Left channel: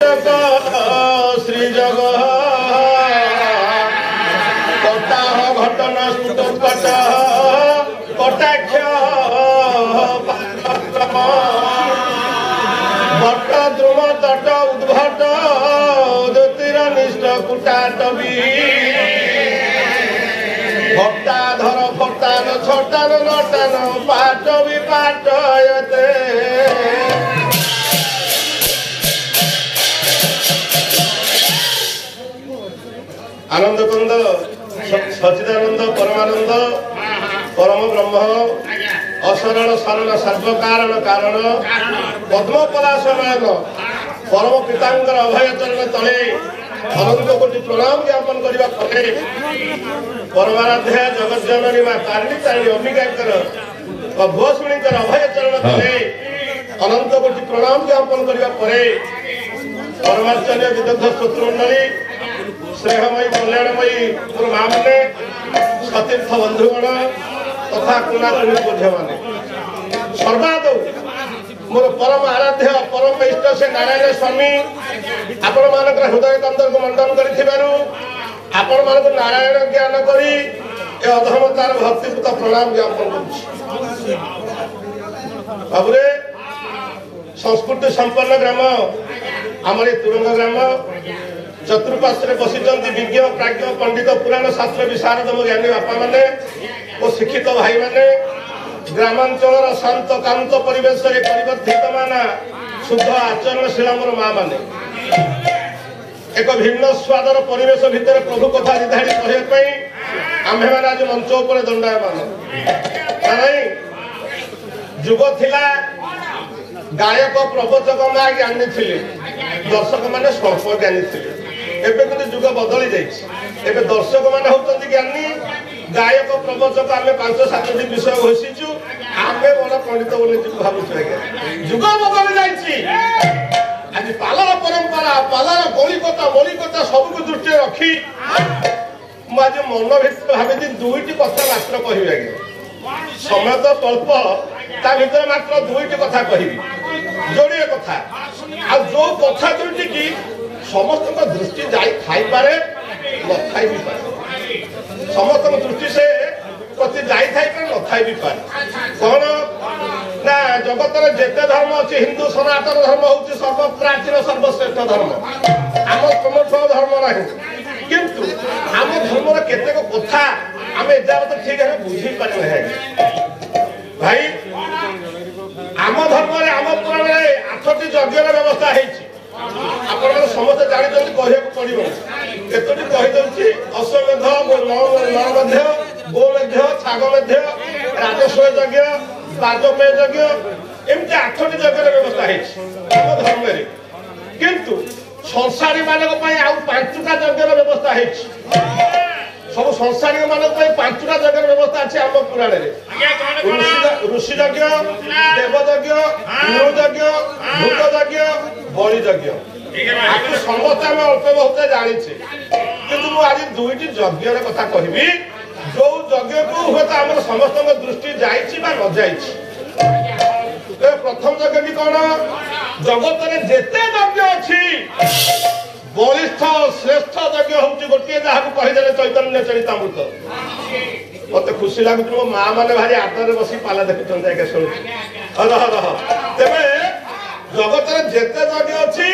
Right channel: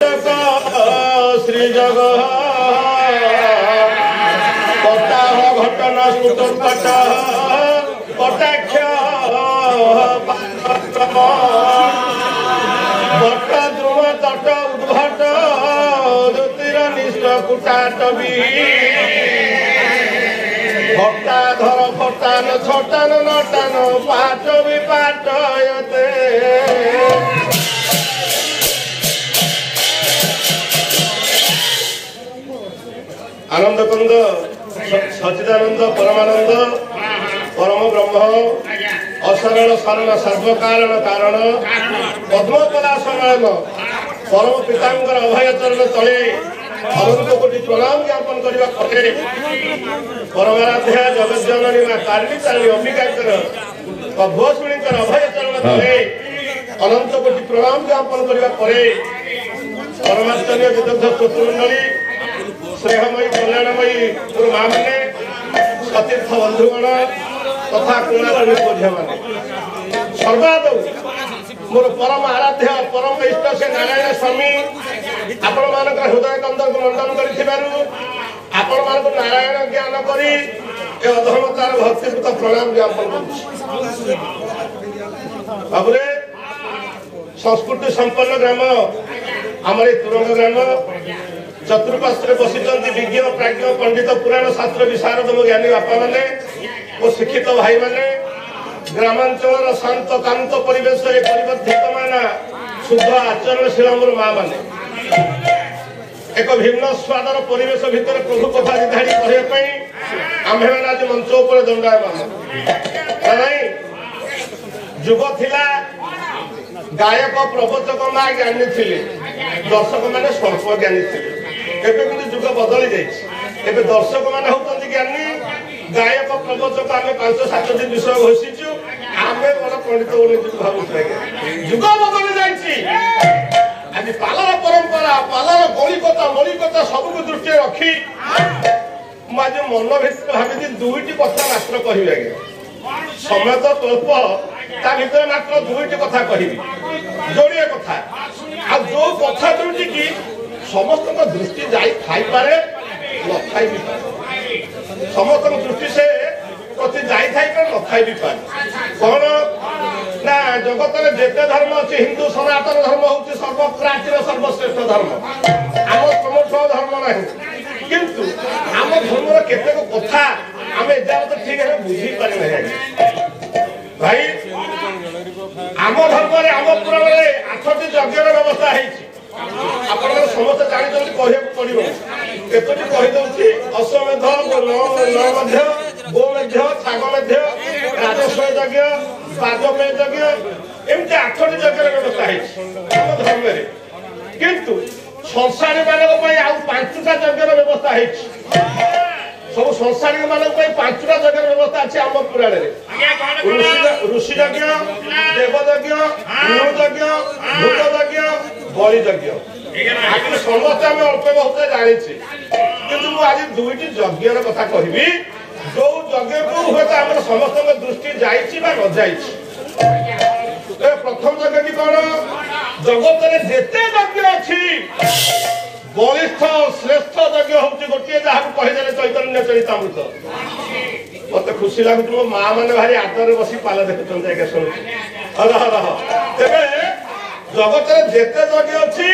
श्री जग कटाह घटना स्फुटोत्कट कटाक्ष भट्ट ध्रुव तट उद्भट ज्योतिरनिष्ठ कुटाटवी भट्टाधर फटान छटान नटान पाठ विपाटयते आनंद कुंद सचिदानंद परमानंद परम ब्रह्म अशरण शरण सर्वकारण कारण पद्मपलाशनयन परम पितांकर अभय चरण तले अनंत कोटि प्रणाम ज्ञापन करने फले परमाराध्या जगत जननी मां तारिणी तारिणी अंबिकाकर भुवसुणीकर अभय चरण तले अनंत कोटि प्रणाम ज्ञापन करने फले परमाचार्य विदग्ध श्रोतृमंडली स्नेहमयी कल्याणमयी मोर माँ मैंने सतीर्थ बंधुगण तथा कुणाकुणी पूज्य मैंने सर्वाद मोर परम आराध्य परम इष्ट श्री नारायण स्वामी आपण मान हृदय कंदर को मंडन कर नारायण ज्ञान करी अधर्मतार भक्तिपूत प्रणाम ज्ञापन कर संस्कृति संपन्न ग्राम आमर तुरंग ग्राम चतुर्पार्श्वे बसिचंती विज्ञ प्राज्ञ पंडित पुराण शास्त्र विशारद ज्ञानी बापा माने और शिक्षित भाई माने ग्रामांचल शांत कांत परिवेश परिवर्धित माना शुद्ध आचरणशील मोर माँ माने एक भिन्न स्वादर परिवेश भितर प्रभु कथा दिधाड़ी कहवाई आम्भे मैंने आज मंच उपर दंडायमान जुग थिला गायक प्रवचक माँ ज्ञानी थे दर्शक मैंने स्वल्प ज्ञानी थे एबे किंतु जुग बदली जाइए दर्शक मान होती ज्ञानी गायक प्रवचक आम 5-7 विषय घोषिचु आम बड़ पंडित बोली भावुँ जुग बदली जाइए आज पालर परंपरा पालर गौलिकता मौलिकता सबको दृष्टि रखी मुझे मन भर भावी दुईट कथा मात्र कह समय तो स्वल्प ता भीतर मात्र दुईट कथा कह जोड़े कथा आ जो कथा दुईट की समस्त दृष्टि जापे न थाई भी पारे समस्त दृष्टि से प्रति जापे न थाई भी पारे कौन ना जगत में जिते धर्म अच्छी हिंदू सनातन धर्म हूँ सर्वप्राचीन सर्वश्रेष्ठ धर्म आम प्रमुख धर्म ना किंतु आम धर्म केतेक कथा आम एजावत ठीक है बुझी पारे भाई आम धर्म आम पुराण 8टी यज्ञर व्यवस्था है आपण समस्ते जानते कहूँ पड़ो केतोटी कहीदी अश्वमेध नवमेध गोमेध छाग राजस्व यज्ञ बाजपेय यज्ञ एमती 8टी यज्ञर व्यवस्था है धर्म किंतु संसारी मान 5टा यज्ञर व्यवस्था है सब संसारी मान 5टा यज्ञर व्यवस्था अच्छे आम पुराण ऋषि यज्ञ देवयज्ञ नृयज्ञ भूतयज्ञ बलि यज्ञ आपको समस्ते आम अल्प बहुत जानी कि आज दुईटी यज्ञर कथा कहबी जो यज्ञ को हुए तो आम समस्त दृष्टि जाइए न प्रथम यज्ञ कौन जगत में जेते यज्ञ अच्छी बलिष्ठ श्रेष्ठ यज्ञ हूँ गोटे जहाँ कहीदे चैतन्य चरितामृत मत खुशी लगुच मो माँ मैंने भारी आदर बसी पाला देखुं आगे शुणु रह तेरे जगत में जेते यज्ञ अच्छी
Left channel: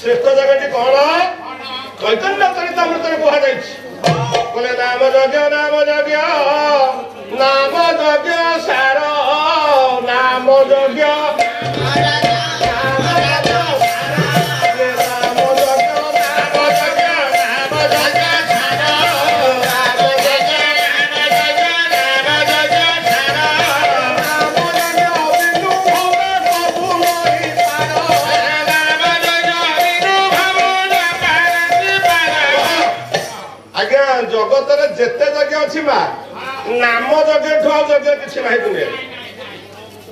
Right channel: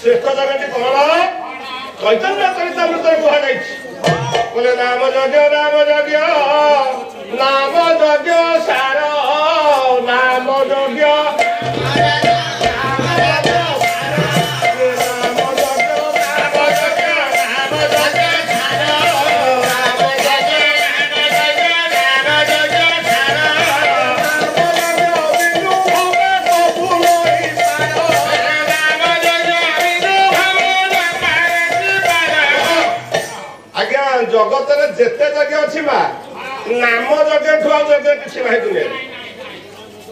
श्रेष्ठ यज्ञ कौन चैतन्य चरितामृत कहले नाम यज्ञ सार नाम यज्ञ जगत में जेते यज्ञ अच्छी माँ नाम यज्ञ ठू यज्ञ किसी ना दुनिया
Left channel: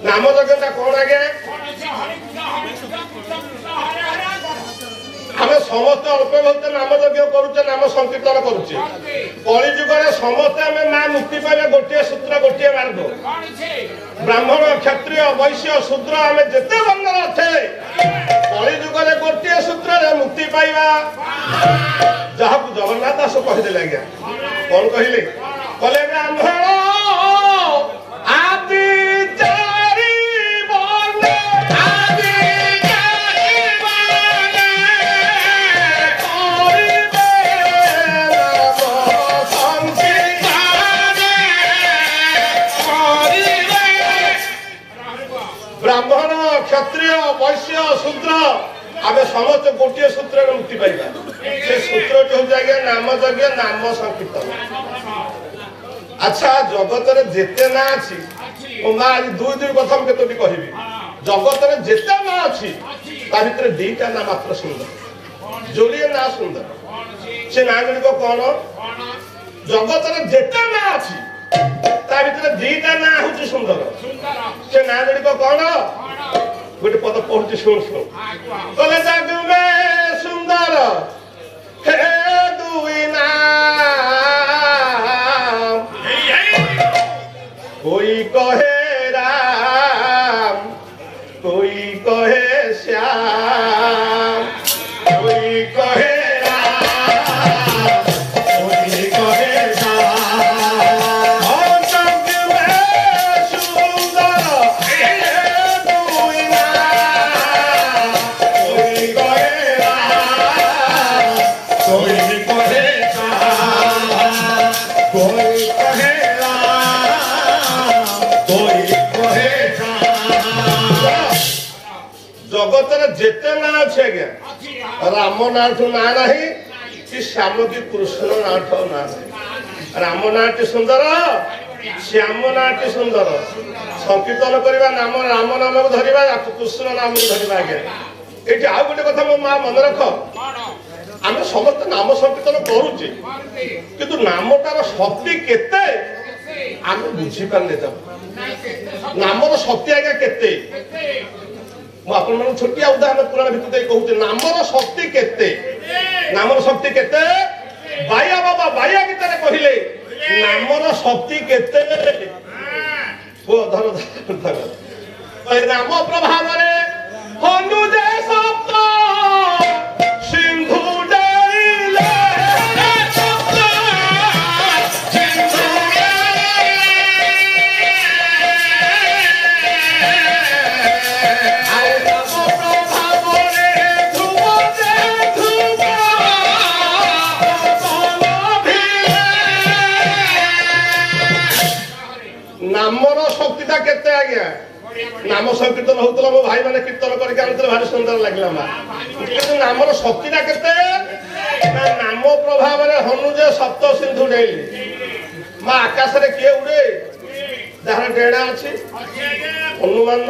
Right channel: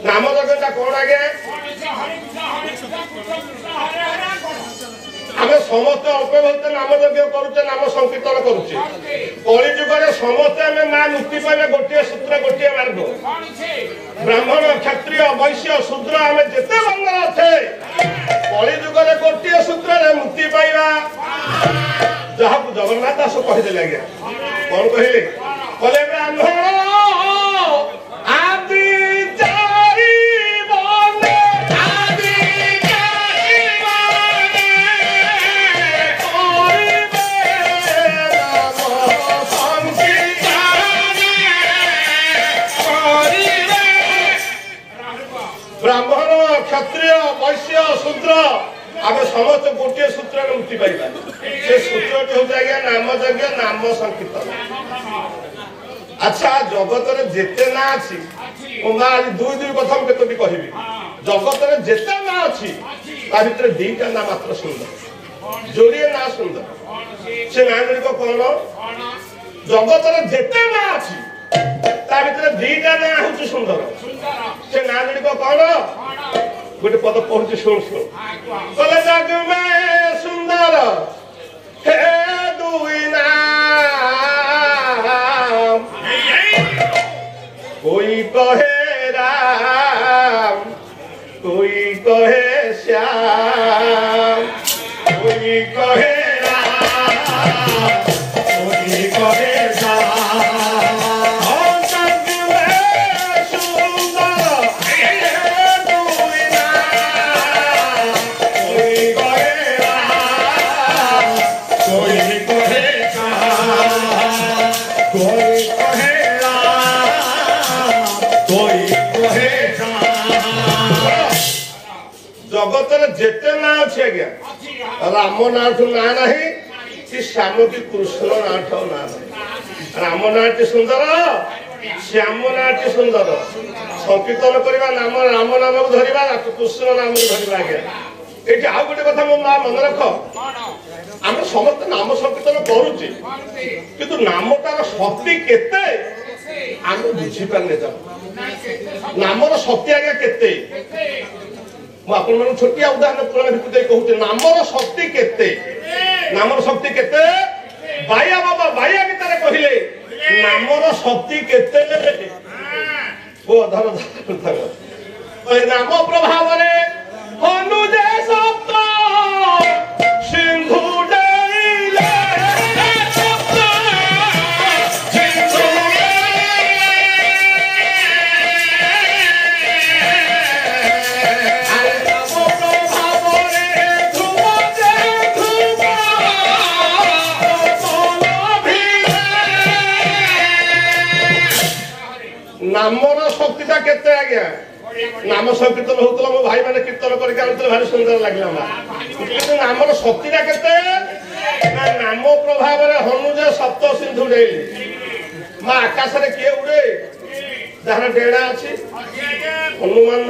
नाम यज्ञ कौन आगे आम समस्त अल्प बहुत नाम यज्ञ करुचे नाम संकीर्तन करुचे कली जुगे समस्ते आम माँ मुक्ति पाइले गोटे सूत्र गोटे मार्ग ब्राह्मण क्षत्रिय वैश्य शूद्र आम जिते बंग अच्छे कली जुगे गोटे सूत्र पाइबा जहाँ को जगन्नाथ दास कहीदेले आज्ञा कौन कहले कले ब्राह्मण आदि चारि बने आदि चारि बने ब्राह्मण क्षत्रिय वैश्य शूद्र आम समस्त गोटे सूत्र मुक्ति पाइबा से सूत्र हूँ आज्ञा नाम यज्ञ नाम संकीर्तन। अच्छा जगत रे जेते ना अछि माँ आज दुई दुई कथा केतोटी कहबी जगत रे जेते ना अछि ता भितर दीटा ना मात्र सुंदर जोड़िए ना सुंदर से ना गुड़िक कौन जगत रे जेते ना अछि ता भितर दीटा ना हूँ सुंदर से ना गुड़िक कौन गोटे पद पहुंचे शुण शुण कले जग में सुंदर हे दुई नाम कोई कहे राम कोई कहे श्याम कोई कहे जेते ना अच्छे आज्ञा राम नाठ ना नहीं कि श्याम की कृष्ण नाठ ना नहीं राम नाटी सुंदर श्याम नाटी सुंदर संकीर्तन करवा नाम राम नाम को धरवा कृष्ण नाम को धरवा आज्ञा ये आउ गोटे कथा मो माँ मन रख आम समस्त नाम संकीर्तन करुचे किंतु नामटार शक्ति केते आम बुझी पारे नामर शक्ति आज्ञा केते छोटिया उदाहरण पुराण भितर कहते नामर शक्ति केते नामर शक्ति केते बाया बाबा बाया भितर कहले नामर शक्ति केते वो धर धर नाम प्रभाव रे अनुजे सप्त सिंधु डरिले नामर शक्तिटा केते आज्ञा नाम संकीर्तन होतला मो भाई माने कीर्तन करके आउतले भारी सुंदर लागला मा किंतु नामर शक्तिटा केते नाम प्रभाव रे हनुजे सप्त सिंधु डेली मा आकाश रे के उड़े जहां डेड़ा अछि हनुमान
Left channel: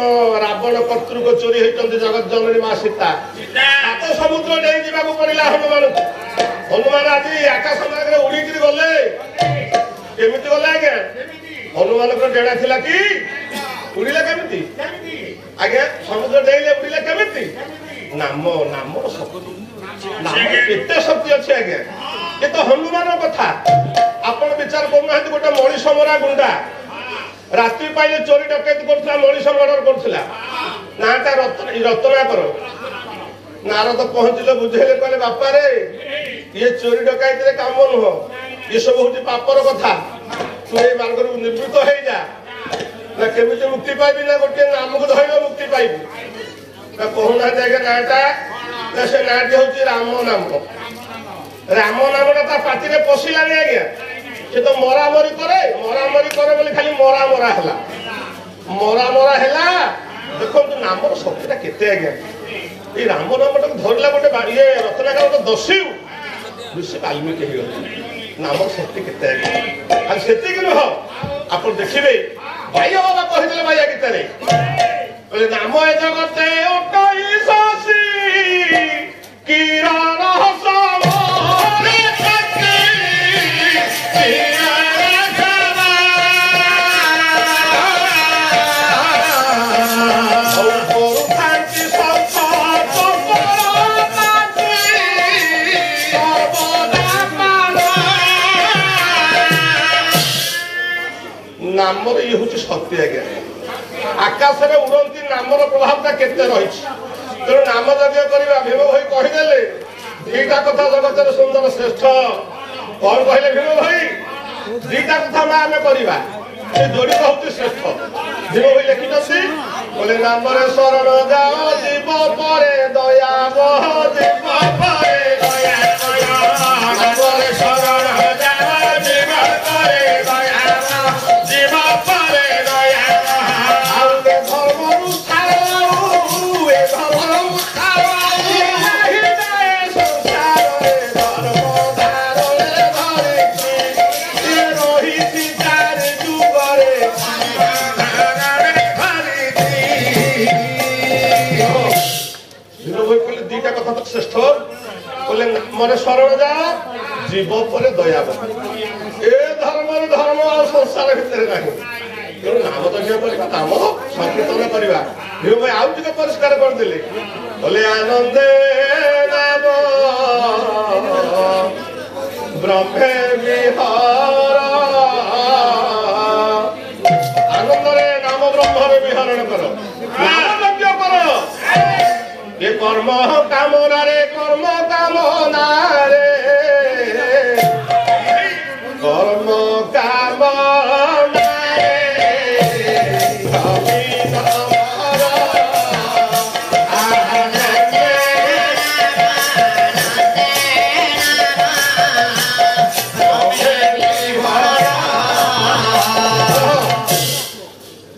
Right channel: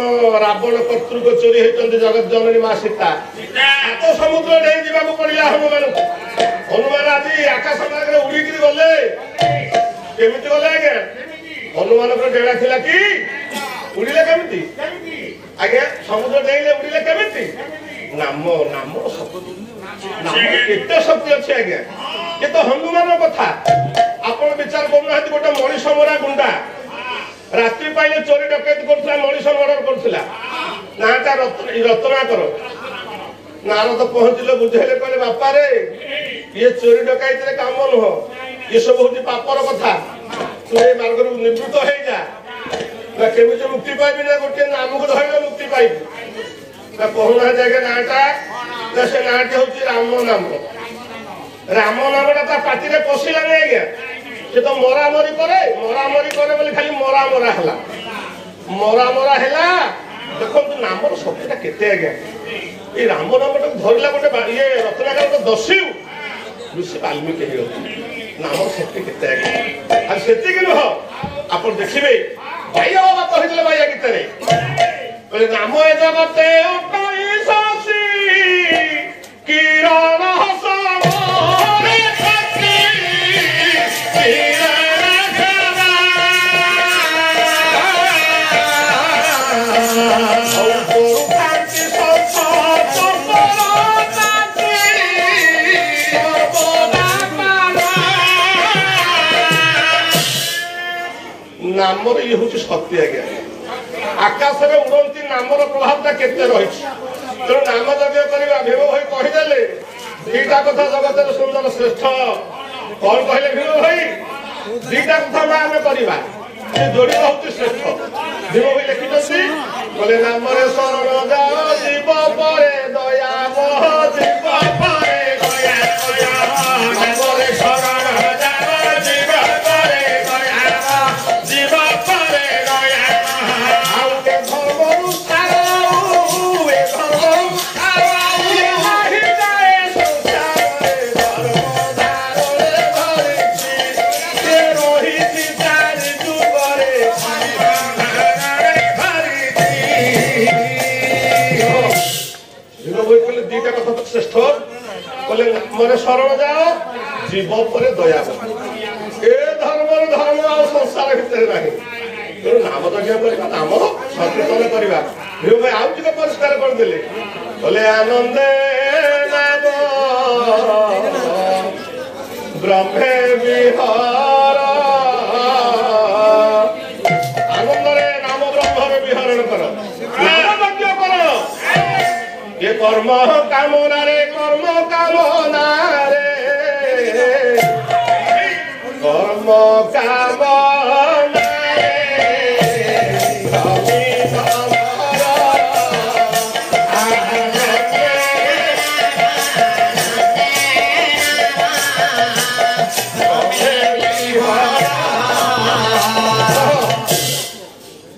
रावण कर्तृक चोरी हेतंती जगत जननी मा सीता सात समुद्र डेई जिबाकू पड़िला हनुमान आदि आकाश मार्ग रे उड़ी कि गले केमिति गले आज्ञा हनुमान डेड़ा थिला कि उड़िले केमिति आगे समुद्र डेइले उड़िले केमिति नाम नाम नाम केते शक्ति अछि आगे ये तो हनुमान कथा आपण विचार करना है गोटे मनीष मरा गुंडा रात्रि पाइले चोरी डकैती करथला मनीष मर्डर करथला नाटा रत्नाकर नारद पहुंचले बुझेले कहले बापा रे ये चोरी डकैती रे काम नुह ये सब होची पापर कथा तू ए मार्ग रू निवृत्त हो जा ना केमिति मुक्ति पाइबी ना गोटे नाम को धइले मुक्ति पाइबी ना कहना जागे नाटा ना से नाटी होची राम नाम नामटा ता पाटी रे पसिला नै आज्ञा से तो मरामरी करे बोली खाली मरा हैला देखो तू नामर शक्तिटा केते आज्ञा ए राम नामटा धरला गोटे ये रत्नाकर तो दस्यु ऋषि वाल्मीकि हे नामर शक्ति केते आज्ञा आ सेति कि न आपण देखिबे भाइया बाबा कहिदले भाइया गीतरे बोले नाम ए जगते उठई सासी किरण हसम नामर ये हूँ शक्ति आज्ञा आकाश में उड़ती नामर प्रभावटा केते रही तेणु नाम यज्ञ करवा भेव भाई कहीदेले ଦୁଇଟା କଥା ଜଗତରେ ସୁନ୍ଦର ଶ୍ରେଷ୍ଠ କଣ କହିଲେ ଭୀମ ଭାଇ? ଦୁଇଟା କଥା ଆମେ କରିବା ସେ ଯୋଡ଼ିକ ହଉଛି ଶ୍ରେଷ୍ଠ। ଭୀମ ଭାଇ ଲେଖିଛନ୍ତି କହିଲେ ନାମରେ ଶରଣ ଯାଅ ଯିବ ପରେ ଦୟା ବହ ଯିବ ପରେ ଦୟା ନାମରେ ଶରଣ ଯାଅ ଯିବ ପରେ ଦୟା ଯିବ ପରେ ଦୟା ଆଉ ଏ ଧର୍ମରୁ ଏ ଧର୍ମରୁ দুইটা কথা তো শ্রেষ্ঠ বলে মনে শরণ যাও জীব পরে দয়া এ ধর্মর ধর্ম আর সংসার ভিতরে নাই তেমন নাম যজ্ঞ করা নাম সংকীর্তন করা ভীম ভাই আউ টিকে পরিষ্কার କରିଦେଲେ বলে আনন্দে নাম ব্রহ্মে বিহার আনন্দরে নাম ব্রহ্মে বিহরণ কর নাম যজ্ঞ কর ये कर्म कामना रे कर्म कामना रे कर्म कामना रे कवि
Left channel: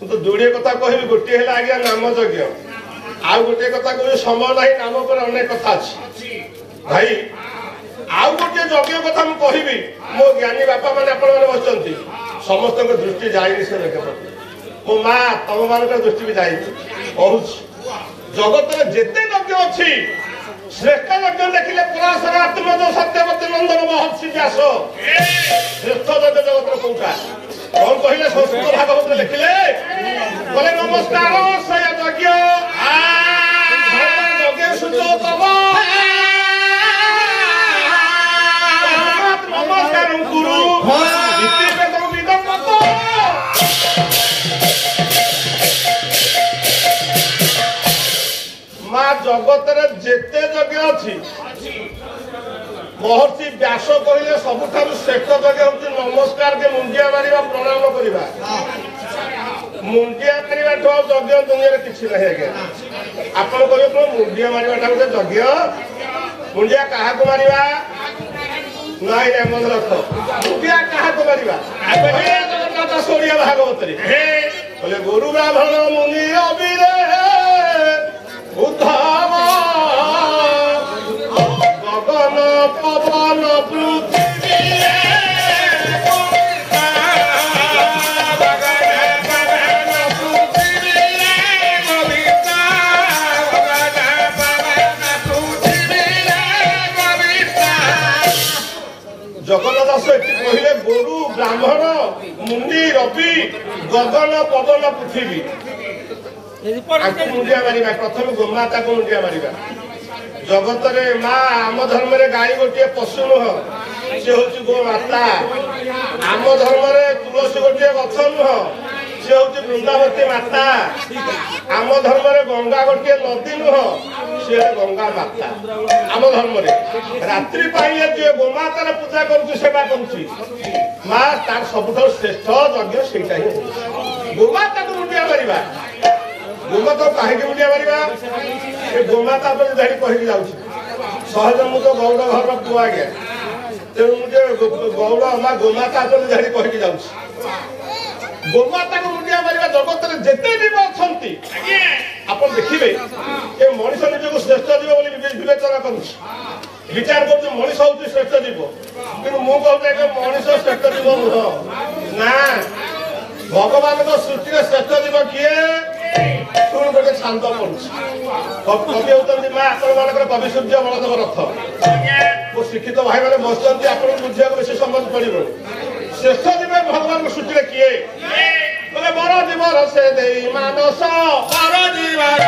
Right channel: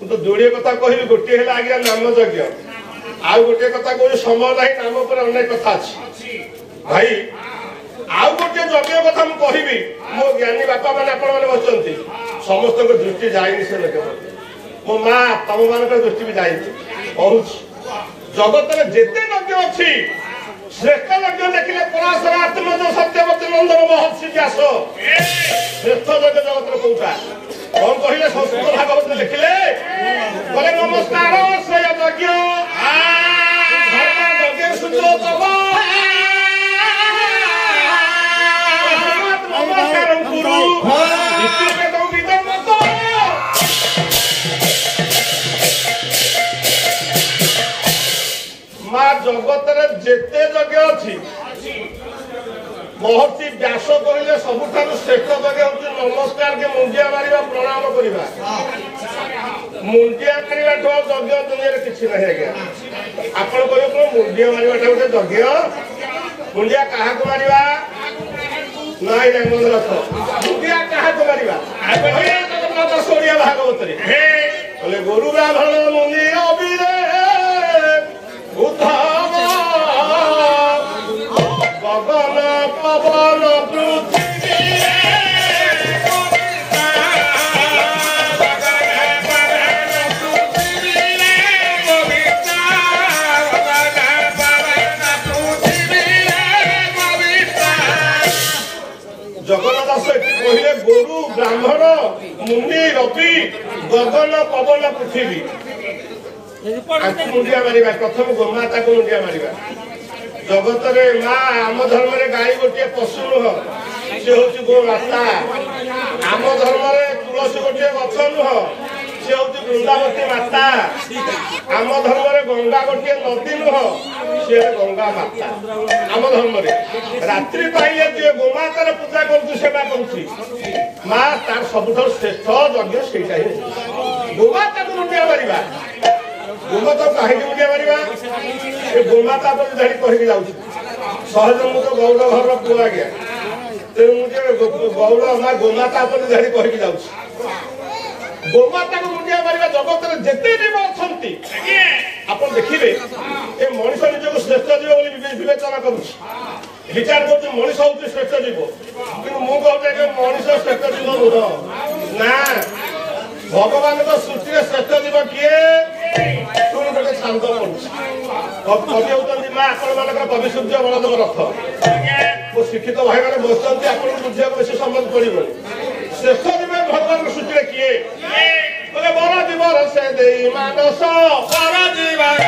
तो जोड़े कथा कहबी गोटे है आज्ञा नाम यज्ञ आउ गोटे कथा कहूँ समय ना नाम पर अनेक कथा अच्छी भाई आउ गोटे यज्ञ कथा मुझे कहबी मो ज्ञानी बापा मैंने आप बसती समस्त दृष्टि जाए से लोके मो माँ तुम मान दृष्टि भी जाए कहूँ जगत में जिते यज्ञ अच्छी श्रेष्ठ यज्ञ देखिले पराशर आत्मज सत्यवती नंदन महर्षि व्यास श्रेष्ठ यज्ञ जगत कौटा कौन कहले संस्कृत भागवत लिखिले बोले नमस्कार से यज्ञ नमस्कार गुरु माँ जगत जेते यज्ञ अच्छी महर्षि व्यास कहले सबुठार श्रेष्ठ यज्ञ हूँ नमस्कार के मुंडिया मारिबा प्रणाम करिबा मुंडिया मारिबा यज्ञ दुनिया किसी ना आज्ञा आपण कहे तो मुंडिया मारिबाटा गोटे यज्ञ मुंडिया क्या मारिबा नाई रे मन रख मुंडिया क्या मारिबा सोनिया भागवत बोले गुरु ब्राह्मण मुनि अबिरे उद्धव गगन पवन पृथ्वी जगन्नाथ कहले गुरु ब्राह्मण मुनि रवि गगन पवन पृथ्वी मुंडिया मारिबा प्रथम गोमाता को मुंडिया मारिबा जगत रे माँ आम धर्म रे गाई गोटे पशु नुह सी हूँ गोमाता आम धर्म रे तुलसी गोटे गछ नुह सी हूँ वृंदावती माता आम धर्म रे गंगा गोटे नदी नुह सी गंगा माता आम धर्म रे रात्रि पाइले जे गोमातार पूजा करुची सेवा करुची माँ तार सबुठ श्रेष्ठ यज्ञ सेटा ही गोमाता को मुंडिया मारिबा गोमाता कहीं मुंडिया मारिबा ए गोमाता पर धाड़ी कही जाऊँ सहज मुझे गौड़ घर पुआ आज्ञा तेणु मुझे गौड़ माँ गोमाता पर धाड़ी कही जाऊँ गोमाता को मुंडिया मारिबा जगत में जिते जीव अच्छा आप देखिए ये मनीष निजक श्रेष्ठ जीव बोली विवेचना करुच्ची विचार कर मनीष हूँ श्रेष्ठ जीव कि मुझे मनीष श्रेष्ठ जीव नुह ना भगवान सृष्टि श्रेष्ठ जीव किए शुणु गोटे छांद कवि होती माँ आपण कवि सूर्य बलदेव रथ वो शिक्षित भाई मैंने बसती आपको बुझा बेस समझ पड़ो श्रेष्ठ जीव भगवान सृष्टि किए बोले बर जीवर से दे मानस बर जीवर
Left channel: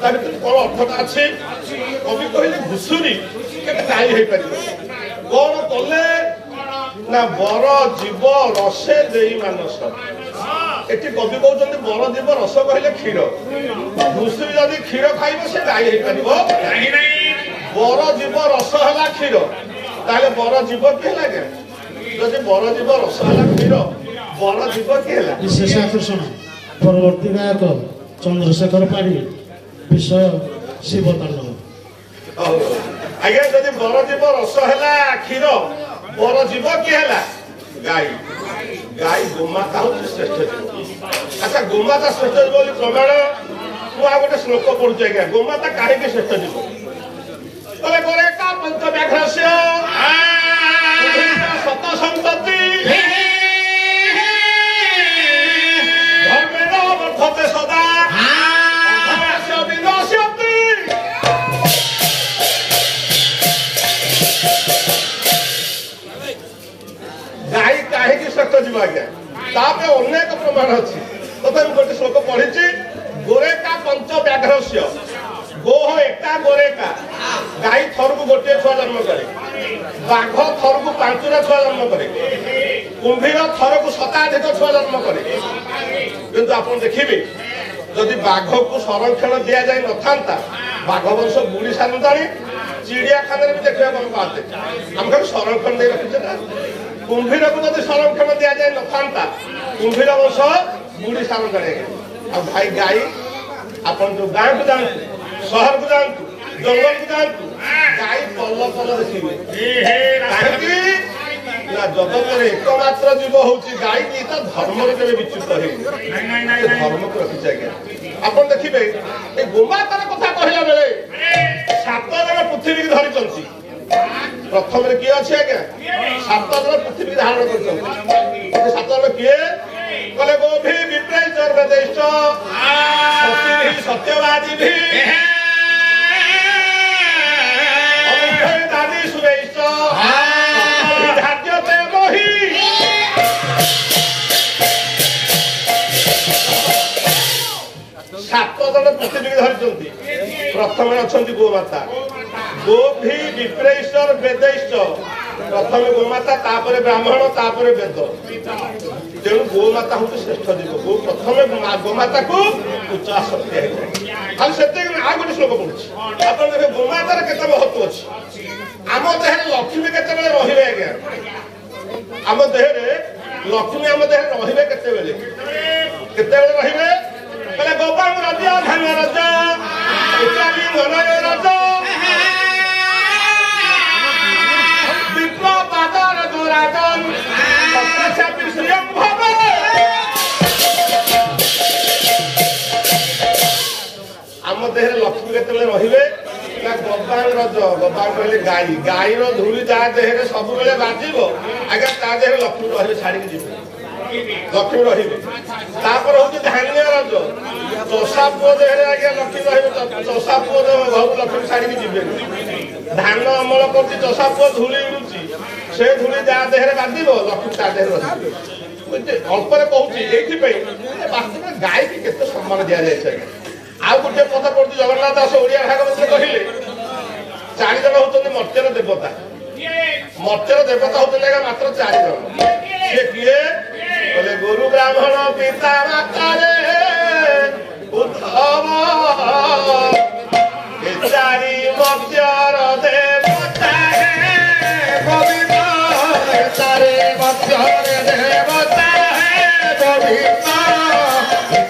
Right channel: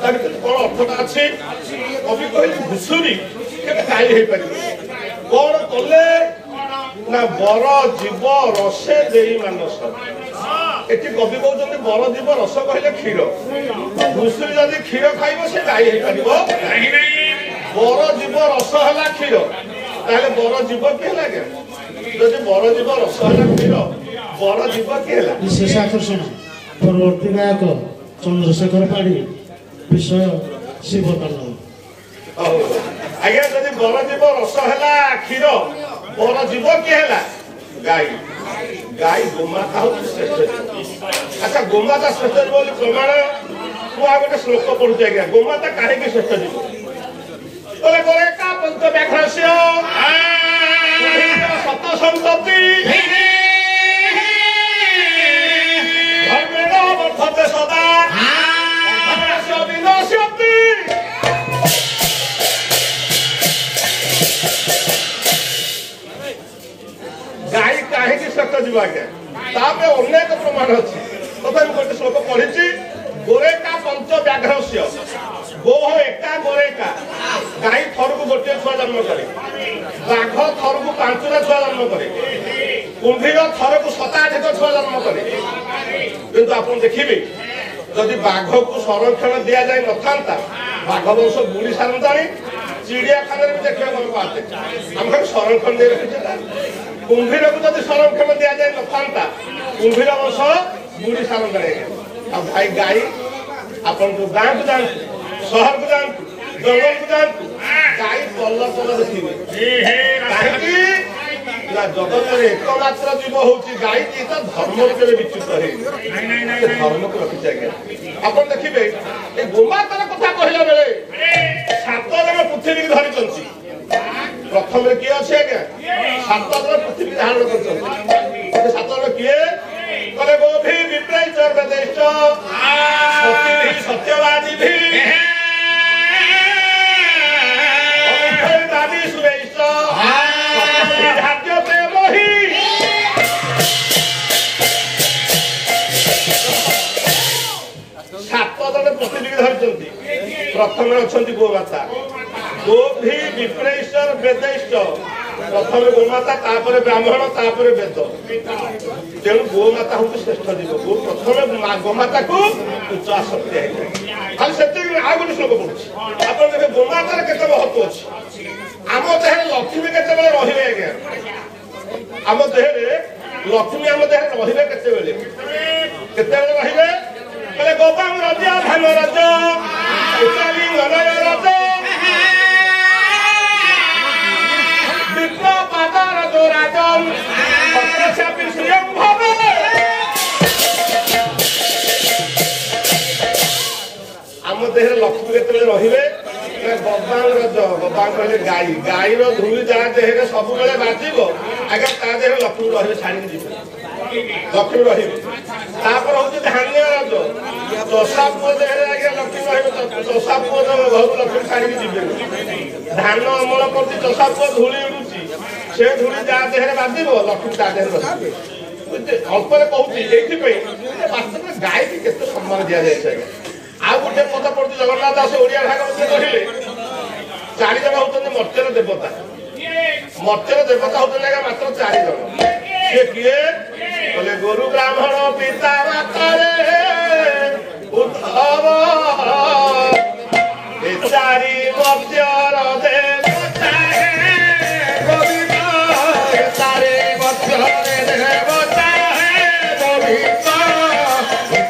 ତା ଭିତରେ କଣ ଅର୍ଥଟା ଅଛି? କବି କହିଲେ ଘୁଷୁରୀ କେବେ ଗାଈ ହେଇପାରିବ? କଣ କଲେ ନା ବର ଜୀବ ରସେ ଦେଇ ମାନସ। ଏଠି କବି କହୁଛନ୍ତି ବର ଜୀବ ରସ କହିଲେ କ୍ଷୀର। ଘୁଷୁରୀ ଯଦି କ୍ଷୀର ଖାଇବ ସେ ଗାଈ ହେଇପାରିବ? ବର ଜୀବ ରସ ହେଲା କ୍ଷୀର, ତାହେଲେ ବର ଜୀବ କି ହେଲା ଆଜ୍ଞା? ଯଦି ବର ଜୀବ ରସ ହେଲା କ୍ଷୀର, ବର ଜୀବ କି ହେଲା? ବିଶେଷ ଆକର୍ଷଣ ପରବର୍ତ୍ତୀ ଗାୟକ ଚନ୍ଦ୍ରଶେଖର ପାଢୀ, ବିଷୟ ଶିବ ତାଣ୍ଡବ। ଆଜ୍ଞା ଯଦି ବର ଜୀବ ରସ ହେଲା କ୍ଷୀର, ବର ଜୀବ କି ହେଲା? ଗାଈ। ଗାଈ ଗୋମାତା ହଉଛି ଶ୍ରେଷ୍ଠ ଜୀବ। ଆଚ୍ଛା ଗୋମାତା ଶ୍ରେଷ୍ଠ ଜୀବ ବୋଲି ପ୍ରମାଣ ମୁଁ ଆଉ ଗୋଟେ ଶ୍ଲୋକ ପଢୁଛି ଆଜ୍ଞା। ଗୋମାତା କାହିଁକି ଶ୍ରେଷ୍ଠ ଜୀବ? ବୋଲେ ଗୋରେ କା ପଞ୍ଚ ବ୍ୟାଘ୍ରସ୍ୟ ସତ ସନ୍ତତି ଧର୍ମେଣ ବର୍ଦ୍ଧତେ ସଦା ଅଧର୍ମସ୍ୟ ବିନଶ୍ୟତି। ଗାଈ କାହିଁକି ଶ୍ରେଷ୍ଠ ଯିବ ଆଜ୍ଞା? ତାପରେ ଅନେକ ପ୍ରମାଣ ଅଛି, ତଥାପି ଗୋଟେ ଶ୍ଲୋକ ପଢିଛି। ଗୋରେକା ପଞ୍ଚ ବ୍ୟାଘ୍ରସ୍ୟ, ଗୋହ ଏକା ଗୋରେକା। ଗାଈ ଥରକୁ ଗୋଟିଏ ଛୁଆ ଜନ୍ମ କରେ, ବାଘ ଥରକୁ 5ଟା ଛୁଆ ଜନ୍ମ କରେ, କୁମ୍ଭୀର ଥରକୁ 87 ଛୁଆ ଜନ୍ମ କରେ। କିନ୍ତୁ ଆପଣ ଦେଖିବେ ଯଦି ବାଘକୁ ସଂରକ୍ଷଣ ଦିଆଯାଇ ନଥାନ୍ତା, ବାଘ ବଂଶ ବୁଡି ସାରନ୍ତାଣି। ଚିଡ଼ିଆଖାନାରେ ବି ଦେଖିବାକୁ ଆମେ ପାଆନ୍ତେ, ଆମେ ଖାଲି ସଂରକ୍ଷଣ ଦେଇ ରଖିଛେ ନା। କୁମ୍ଭୀରକୁ ଯଦି ସଂରକ୍ଷଣ ଦିଆଯାଇ ନଥାନ୍ତା, କୁମ୍ଭୀର ବଂଶ ବୁଡି ସାରନ୍ତାଣି। ଆଉ ଭାଇ ଗାଈ, ଆପଣ ଯୋଉ ଗାଁକୁ ଯାଆନ୍ତୁ, ସହରକୁ ଯାଆନ୍ତୁ, ଜଙ୍ଗଲକୁ ଯାଆନ୍ତୁ, ଗାଈ ପଲ ପଲ ଦେଖିବେ। କାହିଁକି ନା ଜଗତରେ ଏକମାତ୍ର ଜୀବ ହଉଛି ଗାଈ, କି ତା ଧର୍ମରୁ କେବେ ବିଚ୍ୟୁତ ହେଇନି। ଧର୍ମକୁ ରଖିছে ଆଜ୍ଞା। ଆପଣ ଦେଖିବେ ଏଇ ଗୋମାତାର କଥା କହିଲା ବେଳେ 7 ଜଣ ପୃଥିବୀକି ଧରିଛନ୍ତି। ପ୍ରଥମରେ କିଏ ଅଛି ଆଜ୍ଞା? 7 ଜଣ ପୃଥିବୀ ଧାରଣ କରିଛନ୍ତି। 7 ଜଣ କିଏ? କହିଲେ ଗୋଭି ବିପ୍ରେଶ ବେଦେଶ ସତ୍ୟବାଦୀ ଭି ଦାଦି ସୁରେଶ ଧାର୍ଯ୍ୟତେ ମହି। 7 ଜଣ ପୃଥିବୀକି ଧରିଛନ୍ତି। ପ୍ରଥମରେ ଅଛନ୍ତି ଗୋମାତା। ଗୋଭି ବିପ୍ରେଶ ବେଦେଶ, ପ୍ରଥମେ ଗୋମାତା, ତାପରେ ବ୍ରାହ୍ମଣ, ତାପରେ ବେଦ। ତେଣୁ ଗୋମାତା ହଉଛି ଶ୍ରେଷ୍ଠ ଜୀବ। ପ୍ରଥମେ ଗୋମାତାକୁ ଉଚ୍ଚ ଆସକ୍ତି ହେଇଥାଏ। ଆଉ ସେତିକି ଆଉ ଗୋଟେ ଶ୍ଲୋକ ପଢୁଛି। ଆପଣ ଦେଖେ ଗୋମାତାର କେତେ ମହତ୍ଵ ଅଛି। ଆମ ଦେହରେ ଲକ୍ଷ୍ମୀ କେତେବେଳେ ରହିବେ ଆଜ୍ଞା? ଆମ ଦେହରେ ଲକ୍ଷ୍ମୀ ଆମ ଦେହରେ ରହିବେ କେତେବେଳେ? କେତେବେଳେ ରହିବେ? କହିଲେ ଗୋପାଙ୍ଗ ରଜ, ଧାନ ରଜ, ରଜ, ପାଦର ଦୋରାଜନ ସପ୍ତଚାପୀ ଶ୍ରିୟଂ ଭାବେ। ଆମ ଦେହରେ ଲକ୍ଷ୍ମୀ କେତେବେଳେ ରହିବେ? ନା ଗୋପାଙ୍ଗ ରଜ। ଗୋପାଙ୍ଗ କହିଲେ ଗାଈ। ଗାଈର ଧୂଳି ଯାହା ଦେହରେ ସବୁବେଳେ ବାଜିବ ଆଜ୍ଞା, ତା ଦେହରେ ଲକ୍ଷ୍ମୀ ରହିବେ, ଛାଡିକି ଯିବେ। ଲକ୍ଷ୍ମୀ ରହିବେ। ତାପରେ ହଉଛି ଧାନ୍ୟ ରଜ। ଚଷା ପୁଅ ଦେହରେ ଆଜ୍ଞା ଲକ୍ଷ୍ମୀ ରହିବେ। ଚଷା ପୁଅ ଘରକୁ ଲକ୍ଷ୍ମୀ ଛାଡିକି ଯିବେନି। ଧାନ ଅମଳ କରୁଛି, ଚଷା ପୁଅ ଧୂଳି ଉଡୁଛି, ସେ ଧୂଳି ଯାହା ଦେହରେ ବାଜିବ ଲକ୍ଷ୍ମୀ ତା ଦେହରେ ରହିବେ। ଅଳ୍ପରେ କହୁଛି ଏଇଥିପାଇଁ ବାସ୍ତବରେ ଗାଈକି କେତେ ସମ୍ମାନ ଦିଆଯାଇଛି ଆଜ୍ଞା। ଆଉ ଗୋଟେ କଥା ପଡୁଛି, ଜଗନ୍ନାଥ ଦାସ ଓଡିଆ ଭାଗବତରେ କହିଲେ 4 ଜଣ ହଉଛନ୍ତି ମର୍ତ୍ତ୍ୟର ଦେବତା। ମର୍ତ୍ତ୍ୟର ଦେବତା ହଉଛନ୍ତି ଆଜ୍ଞା ମାତ୍ର 4 ଜଣ। ସେ କିଏ? କହିଲେ ଗୁରୁ ବ୍ରାହ୍ମଣ ପିତା ମାତାରେ ଉଦ୍ଧବ, ଏ 4 ମର୍ତ୍ତ୍ୟର ଦେବତା ହେ ଗୋବିନ୍ଦ, ଏ 4 ମର୍ତ୍ତ୍ୟର ଦେବତା ହେ ଗୋବିନ୍ଦ,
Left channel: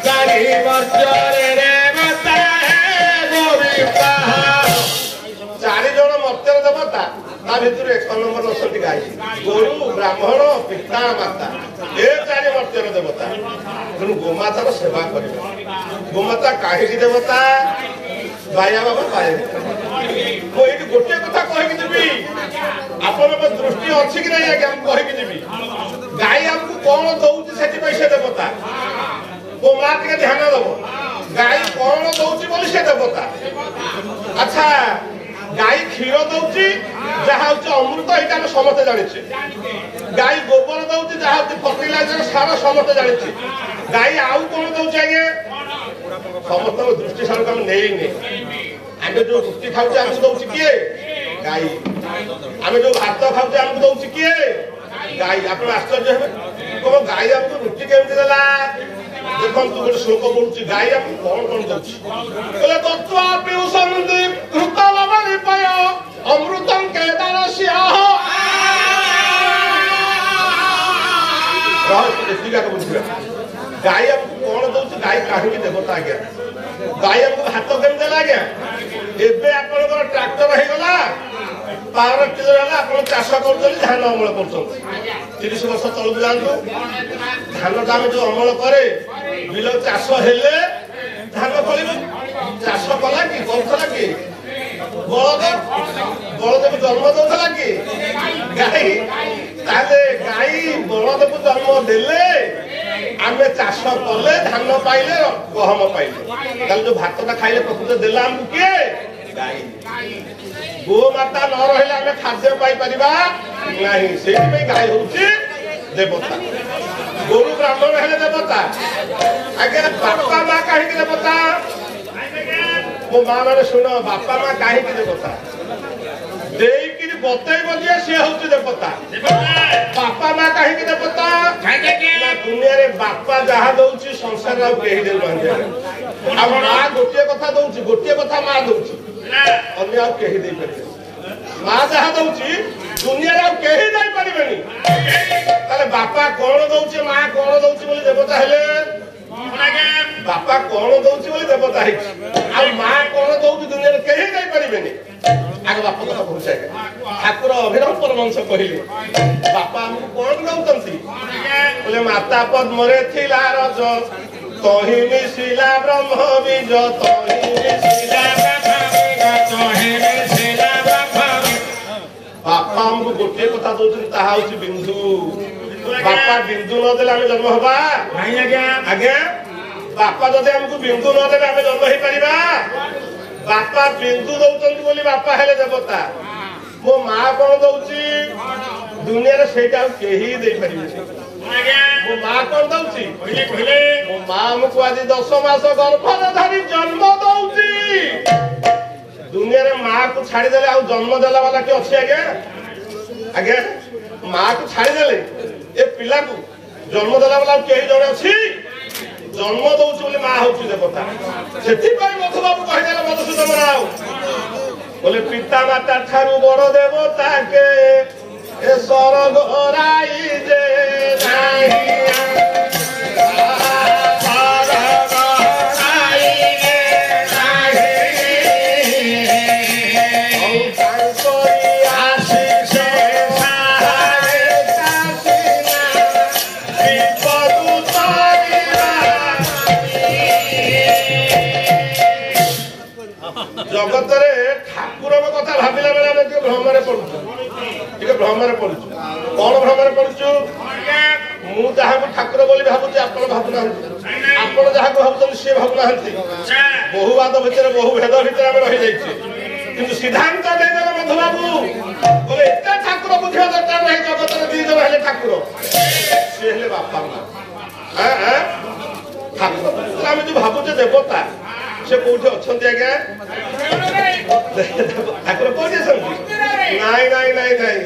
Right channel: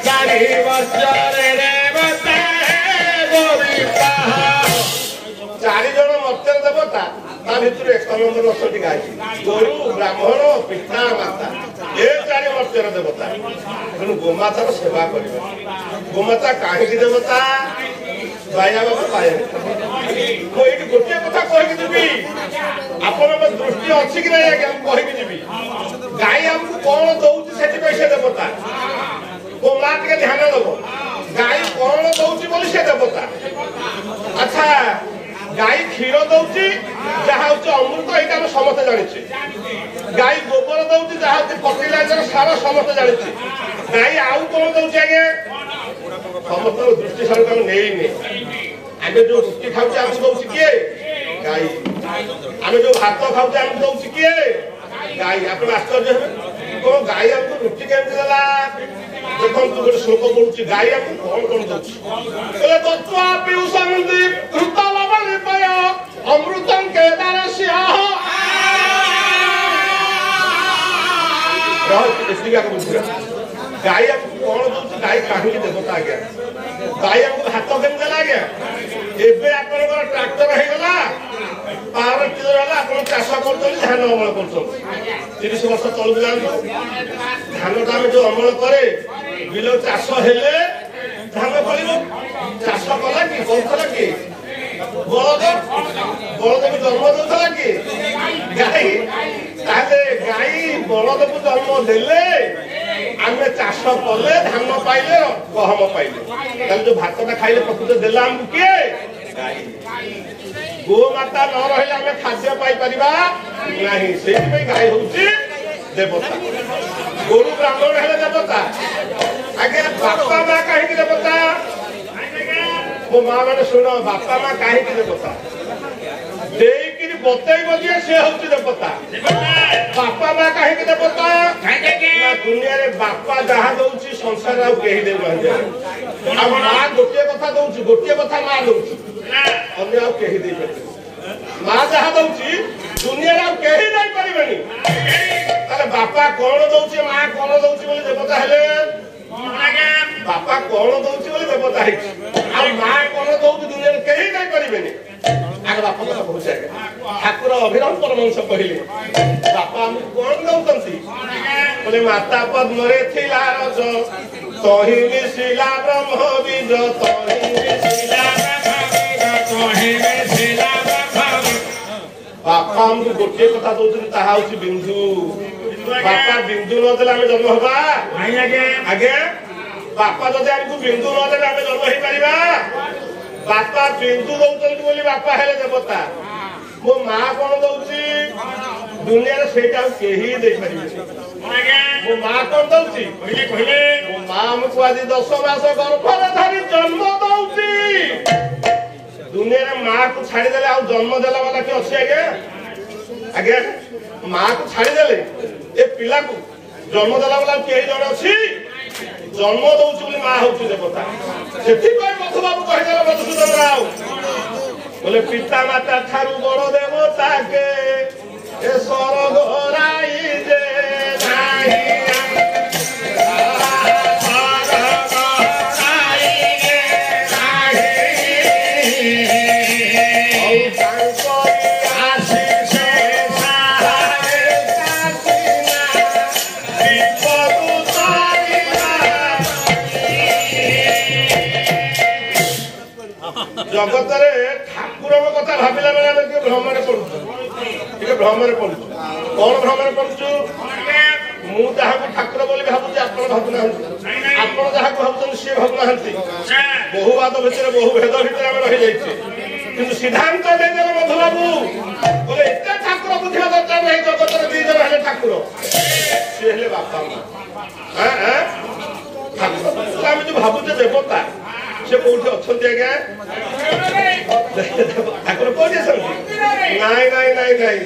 4 ମର୍ତ୍ତ୍ୟର ଦେବତା ହେ ଗୋବିନ୍ଦ। 4 ଜଣ ମର୍ତ୍ତ୍ୟର ଦେବତା, ତା ଭିତରୁ 1 ନମ୍ବର ଅଛନ୍ତି ଗାଈ। ଗୁରୁ ବ୍ରାହ୍ମଣ ପିତା ମାତା, ଏ 4 ମର୍ତ୍ତ୍ୟର ଦେବତା। ତେଣୁ ଗୋମାତାର ସେବା କରିବା। ଗୋମାତା କାହିଁକି ଦେବତା? ବାୟା ବାବା ପାଏ। ମୁଁ ଏଇଠି ଗୋଟିଏ କଥା କହିକି ଯିବି, ଆପଣଙ୍କ ଦୃଷ୍ଟି ଅଛି କି ନାହିଁ ଆଜ୍ଞା? ମୁଁ କହିକି ଯିବି, ଗାଈ ଆମକୁ କଣ ଦଉଛି ସେଥିପାଇଁ ସେ ଦେବତା। ଗୋମା ଟିକେ ଧ୍ୟାନ ଦବ, ଗାଈ କଣ ଦଉଛି ବୋଲି ସେ ଦେବତା। ଆଚ୍ଛା, ଗାଈ କ୍ଷୀର ଦଉଛି ଯାହା ହଉଛି ଅମୃତ, ଏଇଟା ଆମେ ସମସ୍ତେ ଜାଣିଛେ। ଗାଈ ଗୋବର ଦଉଛି ଯାହା ହଉଛି ଫର୍ଟିଲାଇଜର, ସାର, ସମସ୍ତେ ଜାଣିଛେ। ଗାଈ ଆଉ କଣ ଦଉଛି ଆଜ୍ଞା? ସମସ୍ତଙ୍କ ଦୃଷ୍ଟି ସାଙ୍ଗକୁ ଆମେ ନେଇନି। ଆମେ ଯୋଉ ରୁଟି ଖାଉଛେ ଆମକୁ ଦଉଛି କିଏ? ଗାଈ। ଆମେ ଯୋଉ ଭାତ ଖାଉଛେ ଆମକୁ ଦଉଛି କିଏ? ଗାଈ। ଆପଣ ଆଶ୍ଚର୍ଯ୍ୟ ହେବେ କଣ ଗାଈ ଆମକୁ ରୁଟି କେମିତି ଦେଲା? ଦେଖନ୍ତୁ ଗୋଟେ ଶ୍ଲୋକ ପଢୁଛି ଗାଈ ଆମକୁ କଣ କଣ ଦଉଛି? କହିଲେ ତତ୍ତ୍ୱା ପିଉଷନ୍ତି ଘୃତ ଲବଣୀ ପୟ ଅମୃତଂ କେଦାରସ୍ୟ। ଏତିକି ଆଗ ବୁଝିବା ଗାଈ ଆମକୁ କଣ ଦଉଛି? ଗାଈ କାହିଁକି ଦେବତା ଆଜ୍ଞା? ଗାଈ ଆମକୁ ଭାତ କେମିତି ଦେଲା ଆଜ୍ଞା? ଏବେ ଆପଣଙ୍କର ଟ୍ରାକ୍ଟର ହେଇଗଲା, ପାୱାର ଟିଲର ହେଲା, ଆପଣ ଚାଷ କରୁଛନ୍ତି, ଧାନ ଅମଳ କରୁଛନ୍ତି। 30 ବର୍ଷ ତଳକୁ ଯାଆନ୍ତୁ, ଧାନଟା ଆମେ ଯୋଉ ଅମଳ କରେ ବିଲ ଚାଷ ହେଲେ ଧାନ ଫଳିବ। ଚାଷ କଲା କି କରୁଥିଲା କି? ବଳଦ। ବଳଦକୁ ଜନ୍ମ ଦଉଥିଲା କି? ଗାଈ। ତାହେଲେ ଗାଈ ବଳଦକୁ ଜନ୍ମ ଦେଲେ ଆମେ ଚାଷ କଲେ ଧାନ ପାଇଲେ, ଗହମ ପାଇଲେ। ତାହେଲେ ଯୋଉ ଭାତଟା ଖାଇଲେ ପ୍ରକୃତ ଦେଲା ଆମକୁ କିଏ? ଗାଈ। ଗୋମାତା ନ ରହିଲେ ଆମେ ଖାଦ୍ୟ ପାଇପାରିବା ନାହିଁ। ସେଇଥିପାଇଁ ଗାଈ ହଉଛି ଦେବତା। ଗୋରୁ ବ୍ରାହ୍ମଣ ହେଲେ ଦେବତା। ଆଜ୍ଞା ବାପା ମା କାହିଁକି ଦେବତା? ମୋ ମା ମାନେ ଶୁଣ, ବାପା ମା କାହିଁକି ଦେବତା? ଦେଇକିରି ବତେଇବ ଯିଏ ସେ ହଉଛି ଦେବତା। ବାପା ମା କାହିଁକି ଦେବତା? ଦୁନିଆରେ ବାପା ଯାହା ଦଉଛି ସଂସାର ଆଉ କେହି ଦେଉନାହାନ୍ତି। ଆଉ ମା ଗୋଟିଏ କଥା ଦଉଛି, ଗୋଟିଏ କଥା ମା ଦଉଛି, ଅନ୍ୟ ଆଉ କେହି ଦେଇପାରିବେନି। ମା ଯାହା ଦଉଛି ଦୁନିଆରେ ଆଉ କେହି ଦେଇପାରିବେନି। ତାହେଲେ ବାପା କଣ ଦଉଛି, ମା କଣ ଦଉଛି ବୋଲି ଦେବତା ହେଲେ? ବାପା କଣ ଦଉଛି ବୋଲି ଦେବତା ହେଇଛି। ଆଉ ମା କଣ ଦଉଛି ଦୁନିଆରେ କେହି ଦେଇପାରିବେନି। ଆଗ ବାପା କଥା କହୁଛି ଆଜ୍ଞା। ଠାକୁର ଅଭିରାମ ପରମହଂସ କହିଲେ ବାପା ଆମକୁ କଣ ଦଉଛନ୍ତି? କହିଲେ ମାତା ପଦ୍ମରେ ଥିଲା ରଜ, ତହିଁ ମିଶିଲା ବ୍ରହ୍ମ ବୀଜ, ତହିଁ ମିଶିଲା ବାପା ଆମକୁ ଗୋଟିଏ କଥା ଦଉଛନ୍ତି, ତାହା ହଉଛି ବିନ୍ଦୁ। ବାପା ବିନ୍ଦୁ ନଦେଲେ ଆମେ ଜନ୍ମ ହବା? ଆଜ୍ଞା ବାପା ଯଦି ଆମକୁ ବିନ୍ଦୁ ନଦେଲେ ଆମେ ଜନ୍ମ ହେଇପାରିବା? ବାପା ବିନ୍ଦୁ ଦଉଛନ୍ତି ବୋଲି ବାପା ହେଲେ ଦେବତା। ମୋ ମା କଣ ଦଉଛି ଦୁନିଆରେ ସେଇଟା ଆଉ କେହି ଦେଇପାରିବେନି। ମୋ ମା କଣ ଦଉଛି? ମୋ ମା ଆମକୁ ଆଜି 10 ମାସ ଗର୍ଭରେ ଧରି ଜନ୍ମ ଦଉଛି। ଦୁନିଆରେ ମା କୁ ଛାଡିଦେଲେ ଆଉ ଜନ୍ମ ଦେଲା ବାଲା କିଏ ଅଛି ଆଜ୍ଞା? ଆଜ୍ଞା ମା କୁ ଛାଡିଦେଲେ ଏ ପିଲାକୁ ଜନ୍ମ ଦେଲା ବାଲା କେହି ଜଣେ ଅଛି? ଜନ୍ମ ଦଉଛି ବୋଲି ମା ହଉଛି ଦେବତା। ସେଥିପାଇଁ ମଧୁବାବୁ କହିଦେଲେ ମଧୁସୂଦନ ରାଓ ବୋଲେ ପିତା ମାତା ଠାରୁ ବଡ ଦେବତା କେ ଏ ସରଗ ରାଇ ଯେ ନାହିଁ। ଜଗତରେ ଠାକୁରଙ୍କ କଥା ଭାବିଲା ବେଳେ ଆମେ ଟିକେ ଭ୍ରମରେ ପଡୁଛୁ, ଟିକେ ଭ୍ରମରେ ପଡୁଛୁ। କଣ ଭ୍ରମରେ ପଡୁଛୁ? ମୁଁ ଯାହାକୁ ଠାକୁର ବୋଲି ଭାବୁଛି ଆପଣ ଭାବୁନାହାନ୍ତି, ଆପଣ ଯାହାକୁ ଭାବୁଛନ୍ତି ସିଏ ଭାବୁନାହାନ୍ତି। ବହୁ ବାଦ ଭିତରେ, ବହୁ ଭେଦ ଭିତରେ ଆମେ ରହିଯାଇଛୁ। କିନ୍ତୁ ସିଦ୍ଧାନ୍ତ ଦେଇଦେଲେ ମଧୁବାବୁ ବୋଲେ ଏତେ ଠାକୁର ବୁଝିବା ଦରକାର ନାହିଁ। ଜଗତରେ 2 ଜଣ ହେଲେ ଠାକୁର, ସିଏ ହେଲେ ବାପା ମା। ଠାକୁର ଆମେ ଯୋଉ ଭାବୁଛେ ଦେବତା, ସେ କୋଉଠି ଅଛନ୍ତି ଆଜ୍ଞା? ଠାକୁର କୋଉଠି ଅଛନ୍ତି? ନାଇଁ ନାଇଁ ନାଇଁ ନାଇଁ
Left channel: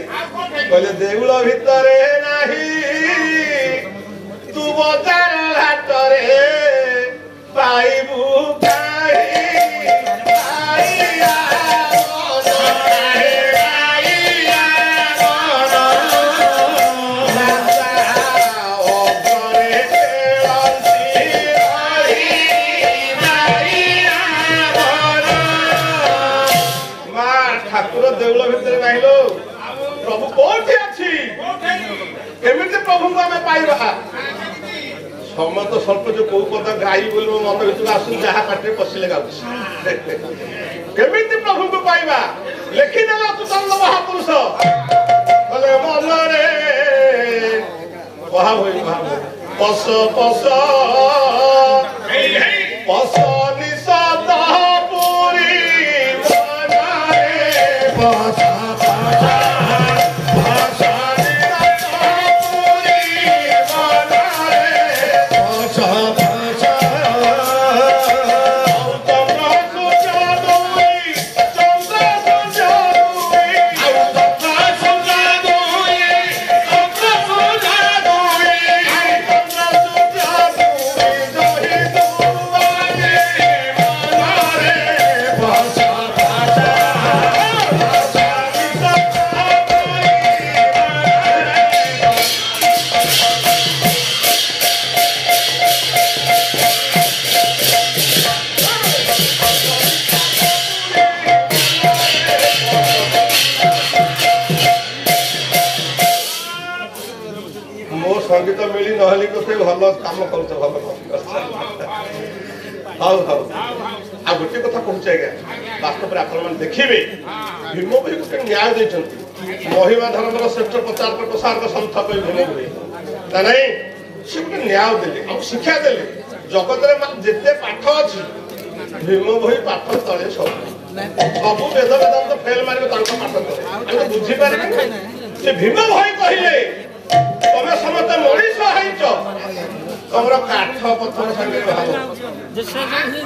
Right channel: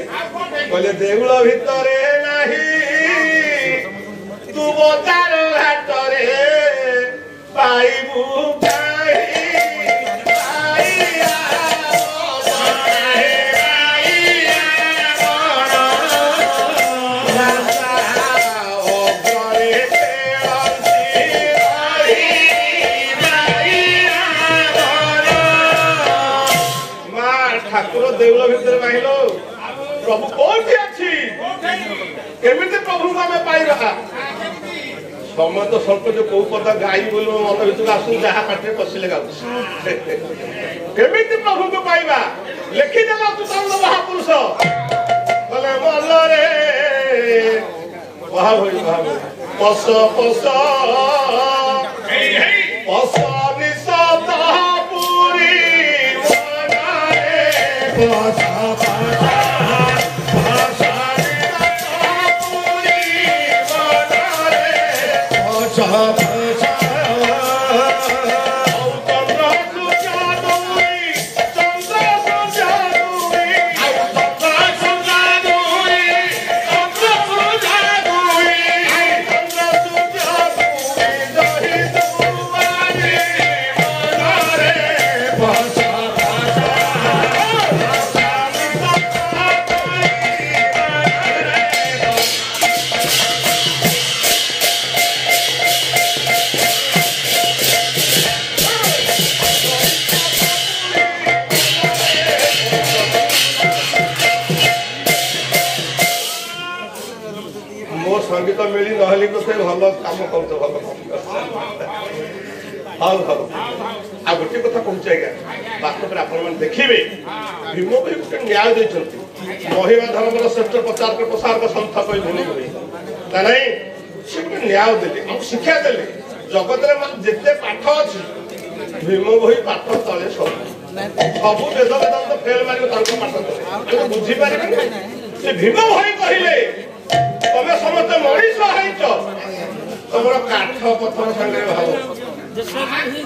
କହିଲେ ଦେଉଳ ଭିତରେ ନାହିଁ, ତୁ ବଜାର ଘାଟରେ ପାଇବୁ ଦେଉଳ ଭିତରେ ନାହିଁ ଲୋ। ପ୍ରଭୁ କୋଉଠି ଅଛି? କେମିତି ପ୍ରଭୁଙ୍କୁ ଆମେ ପାଇବା? ସମସ୍ତ ସ୍ୱଳ୍ପ ଯୋଉ କୋଉ କଥା ଗାଈ ବୋଲି ମୋ ମନ ଭିତରେ ଆସୁନି, ଯାହା ପାଟିରେ ପଶିଲେ ଗାଉଛି। କେମିତି ପ୍ରଭୁଙ୍କୁ ପାଇବା? ଲେଖିଦେଲା ତୁତଙ୍ଗ ମହାପୁରୁଷ ବୋଲେ ମନରେ ପଶ ପଶ ପଶ ନିଶବ୍ଦ ପୁରୀ ପଶ संगीत मिली नहली कोते भल काम कर भल हल हल आ गोटे कथा कहूँ आज्ञा वास्तव में आपण मैंने देखिए भीम भाई गोटे न्याय देते महिमा धर्म श्रेष्ठ प्रचार प्रसार सन्थ कही भूमि ना ना से गोटे न्याय देले आम शिक्षा देले जगत जिते पाठ अच्छी भीम भाई पाठ तले सब सब वेद वेदांत फेल मारे पाठ तले बुझीपारे से भीम भाई कहले तमे समस्त मनीष हैच तमर काठ पत्थर संगे भाव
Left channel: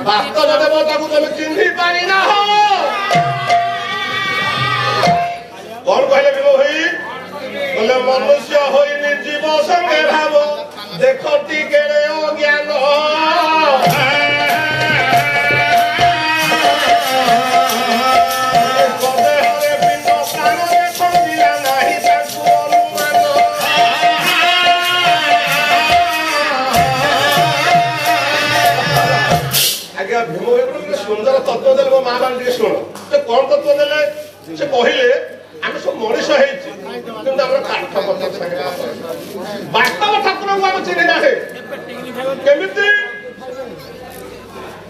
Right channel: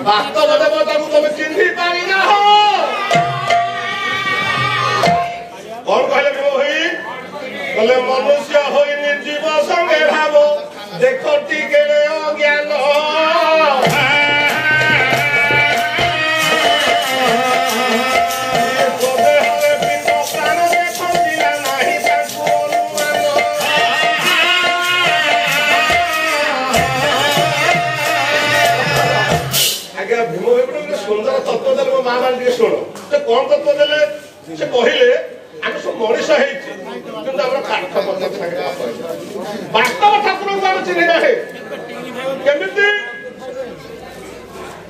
वास्तव देवता को तुम चिन्ही पारि ना हो कौन कहले भीम भाई कहले मनुष्य होई निर्जीव संगे भाव देखो टिके अज्ञान भीम भाई सुंदर तत्व देले माँ मान शुण से कौन तत्व देले से कहले आम सब मनीष काठ पत्थर संगे वास्तव ठाकुर को आम चिन्ह ना केमिति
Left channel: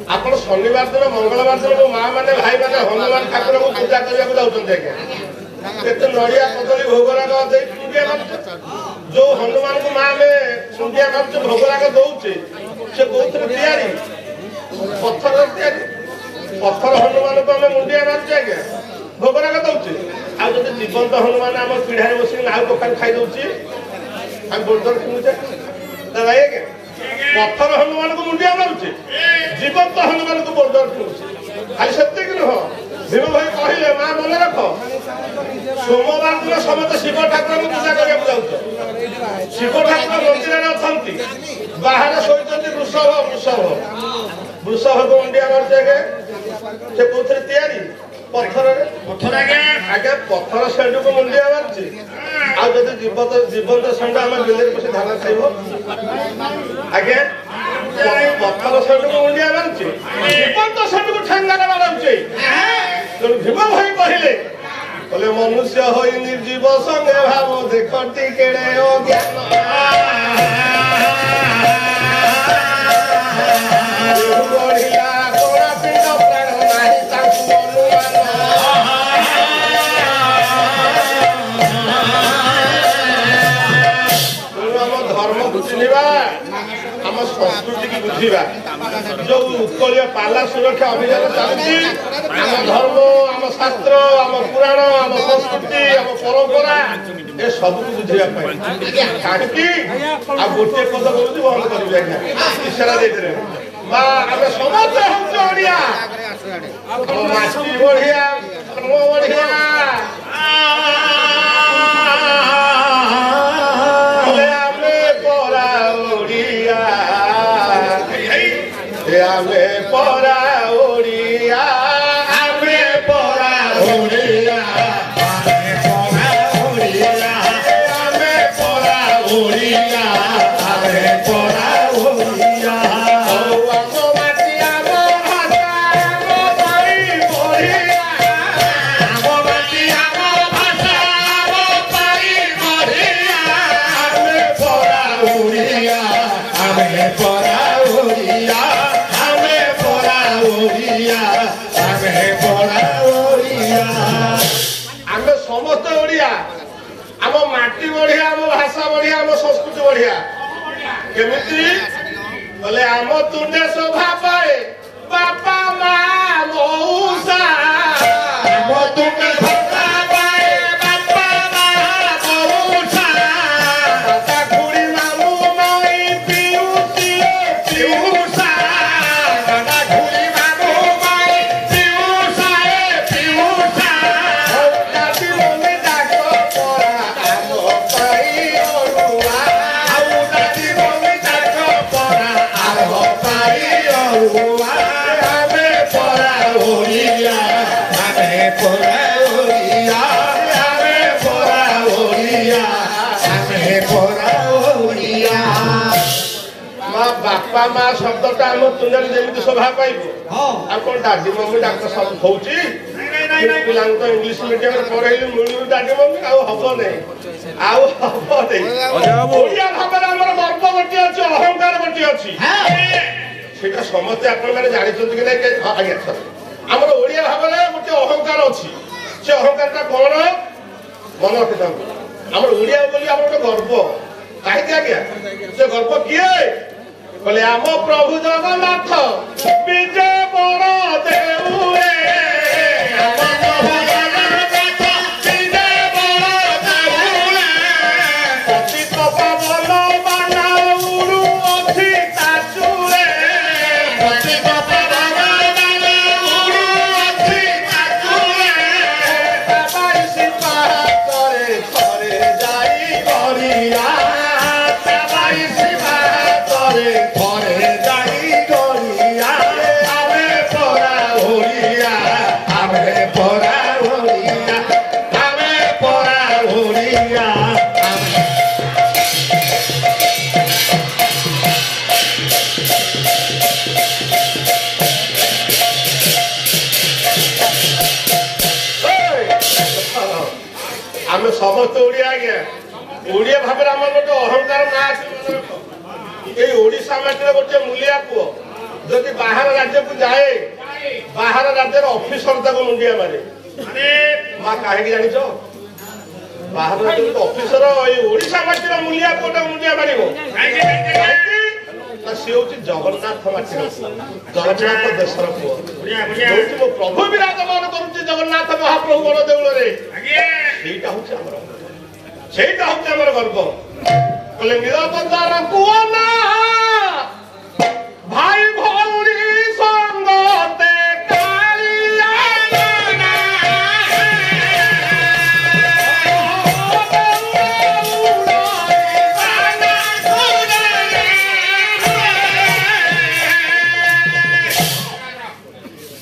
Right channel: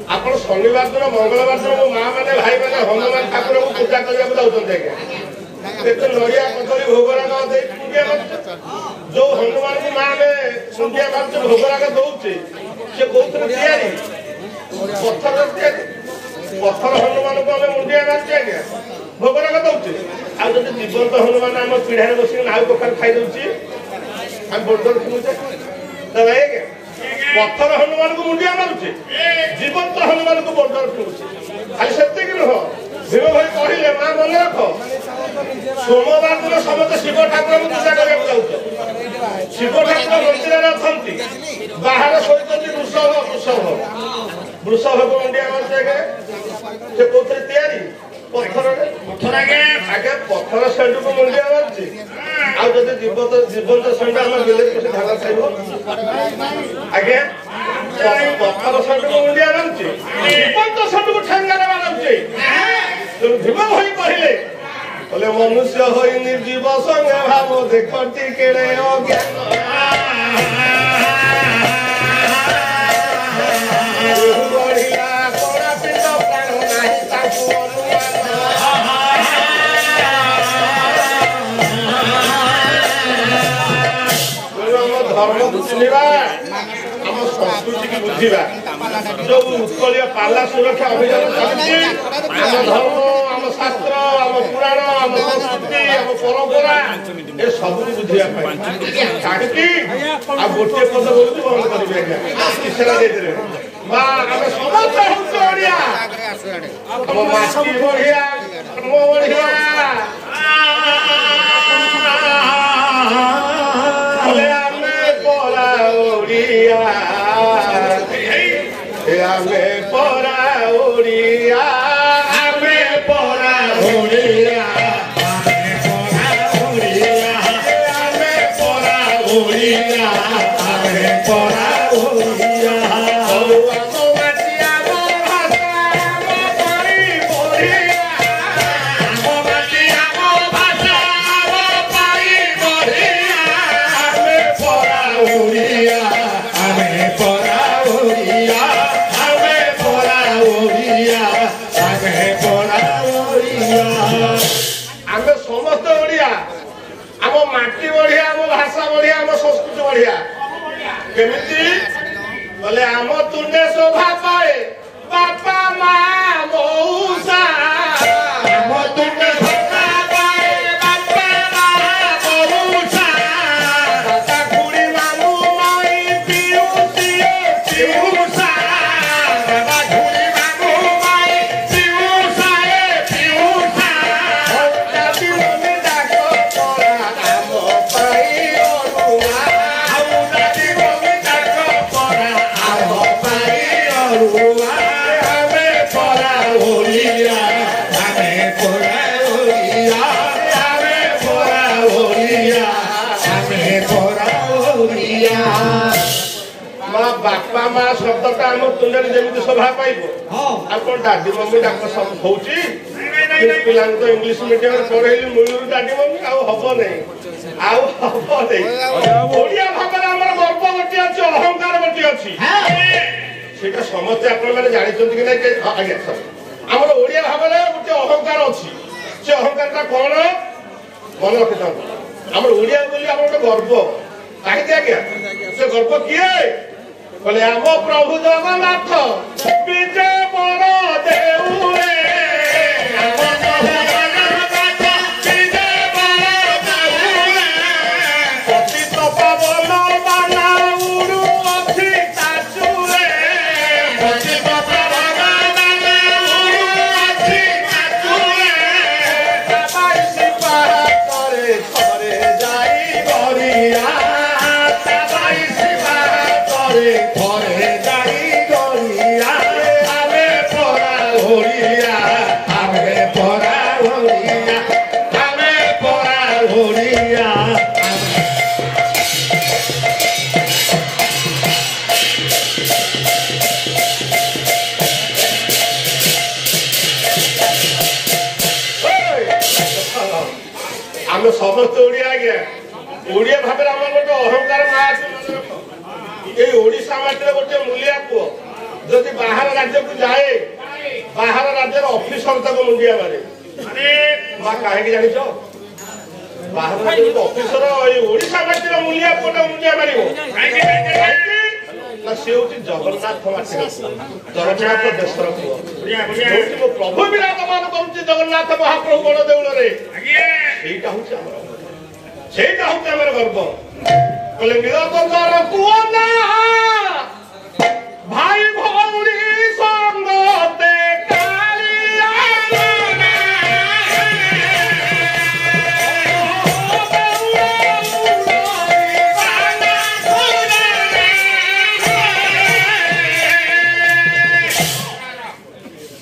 आप शनिवार दिन मंगलवार दिन मो माँ मैंने भाई मैंने हनुमान ठाकुर को पूजा करने जाऊँ आज्ञा नड़िया कदली भोगराग जो हनुमान को माँ में सुंडिया मार्च भोगराग दौचे से बहुत तैयारी पत्थर पत्थर हनुमान को आम मुंडिया मार्चे आज्ञा भोगराग दौचे आज जीवंत हनुमान आम पीढ़ा बस नाउ पखार खाई दौचे आम बोर्डर फिंगुचे आज्ञा पत्थर हनुमान को मुंडिया मारुचे जीवंत हनुमान को बोर्डर फिंगुचे खाली से नुह भीम भाई कहले माँ मन रख सोमवार दिन समस्त शिव ठाकुर को पूजा करने जाऊँ शिव ठाकुर मंदिर अच्छा बाहर शोच वृषभ वृषभ को अंडिया मार्चे से कौन तैयारी पत्थर पत्थर आगे पत्थर सेंड को मुंडिया मार्चे आज जीवंत सेंड आम बिल पशे धान खाइब आगे पत्थर सेंड को मुंडिया मार्चे जीवंत सेंड को ठेंगारे मारुचे भीम भाई कहले मनुष्य हो निर्जीव संगे भाव देख टिके ज्ञान बढ़िया कोड़ा पिंड प्राण नाही ताकू अनुमान धर्म को चिन्हवा आम संस्कृति की बुझा जो उत्कलिया पाला सुरक्षा अभियान चलती आम धर्म आम शास्त्र आम पुराण आम संस्कृति आम परंपरा ए सब बुझाई छाड़ी आ गोटे पद बोलूँ बंद करेंगे इशारा देते माँ आम समस्त हूँ ओडिया आम माटी बढ़िया बढ़िया आमे परा ओडिया आमे परा ओडिया आमे परा ओडिया आमे परा ओडिया आमो माटी आमो भाषा आमो पाई बढ़िया आमो माटी आमो भाषा आमो पाई बढ़िया आमे परा ओडिया आमे परा ओडिया आमे समस्त ओडिया आम माटी बढ़िया आम भाषा बढ़िया आम संस्कृति बढ़िया केमिति बोले आम तुने शोभा पाए बापा माँ मौसा आम तुने शोभा पाए बापा माँ मौसा दादा खुड़ी मामू माई पियूसियो पियूसा दादा खुड़ी मामू माई पियूसा पियूसा दादी मम्मी डाको परा आम पाई अरुआ आउ दादी मम्मी डाको परा आम पाई अरुआ आमे ମା ଶବ୍ଦଟା ଆମ ତୁଣ୍ଡରେ ଯେମିତି ଶୋଭା ପାଇବ ଆଉ କଣ ଡାଡି ମମି ଡାକ ସବୁ ହଉଛି ପିଲାଙ୍କୁ ତ ଇଂଲିଶ ମିଡିୟମରେ ପଢେଇଲି ମିଳୁରୁ ଡାଡି ମମି ଆଉ ହବ ନାହିଁ ଓଡିଆ ଭାବରେ ଆମର ଗର୍ବ ଗୋଟିଏ ଅଛି ଅହଙ୍କାର ଗୋଟିଏ ଅଛି ସେଇଟା ସମସ୍ତେ ଆପଣମାନେ ଜାଣିଛନ୍ତି କି ନାଇଁ ଆଜ୍ଞା ଆମର ଓଡିଆ ଭାବରେ ଗୋଟେ ଅହଙ୍କାର ଅଛି ସେ ଅହଙ୍କାରଟା କଣ ମନେ ରଖିଥାନ୍ତୁ ଆମର ଓଡିଆ ବୋଲି ଆମର ଗୋଟେ ଗର୍ବ କାହିଁକି ଆଜ୍ଞା ସେ ଗର୍ବ କିଏ କହିଲେ ଆମ ପ୍ରଭୁ ଜଗନ୍ନାଥ ବିଜେ ବଳ ଦେଉରେ ଆମେ ସମସ୍ତେ ଓଡିଆ ଆଜ୍ଞା ଓଡିଆ ଭାବରେ ଆମର ଗୋଟେ ଅହଙ୍କାର ନା ଅଛି ମନେ ରଖ ଏଇ ଓଡିଶା ମାଟିରେ ଗୋଟେ ମୂଲିଆ ପୁଅ ଯଦି ବାହାର ରାଜ୍ୟକୁ ଯାଏ ବାହାର ରାଜ୍ୟର ଅଫିସର ତାକୁ ମୁଣ୍ଡିଆ ମାରେ ମା କାହିଁକି ଜାଣିଛ ବାହାର ରାଜ୍ୟର ଅଫିସର ଏଇ ଓଡିଶା ମାଟିର ମୂଲିଆ ପୁଅଟା ମୁଣ୍ଡିଆ ମାରିବ ନା ସେ ହଉଛି ଜଗନ୍ନାଥ ମାଟିର ଜଗନ୍ନାଥ ଦେଶର ପୁଅ ଯୋଉଠି ମୋ ପ୍ରଭୁ ବିରାଜମାନ କରୁଛି ଜଗନ୍ନାଥ ମହାପ୍ରଭୁ ବଡ ଦେଉଳରେ ସେଇଟା ହଉଛି ଆମର ଗର୍ବ କହିଲେ ନିରବତାର ପୁଅ ନା ଭାଇ ଭଉଣୀ ସଙ୍ଗତେ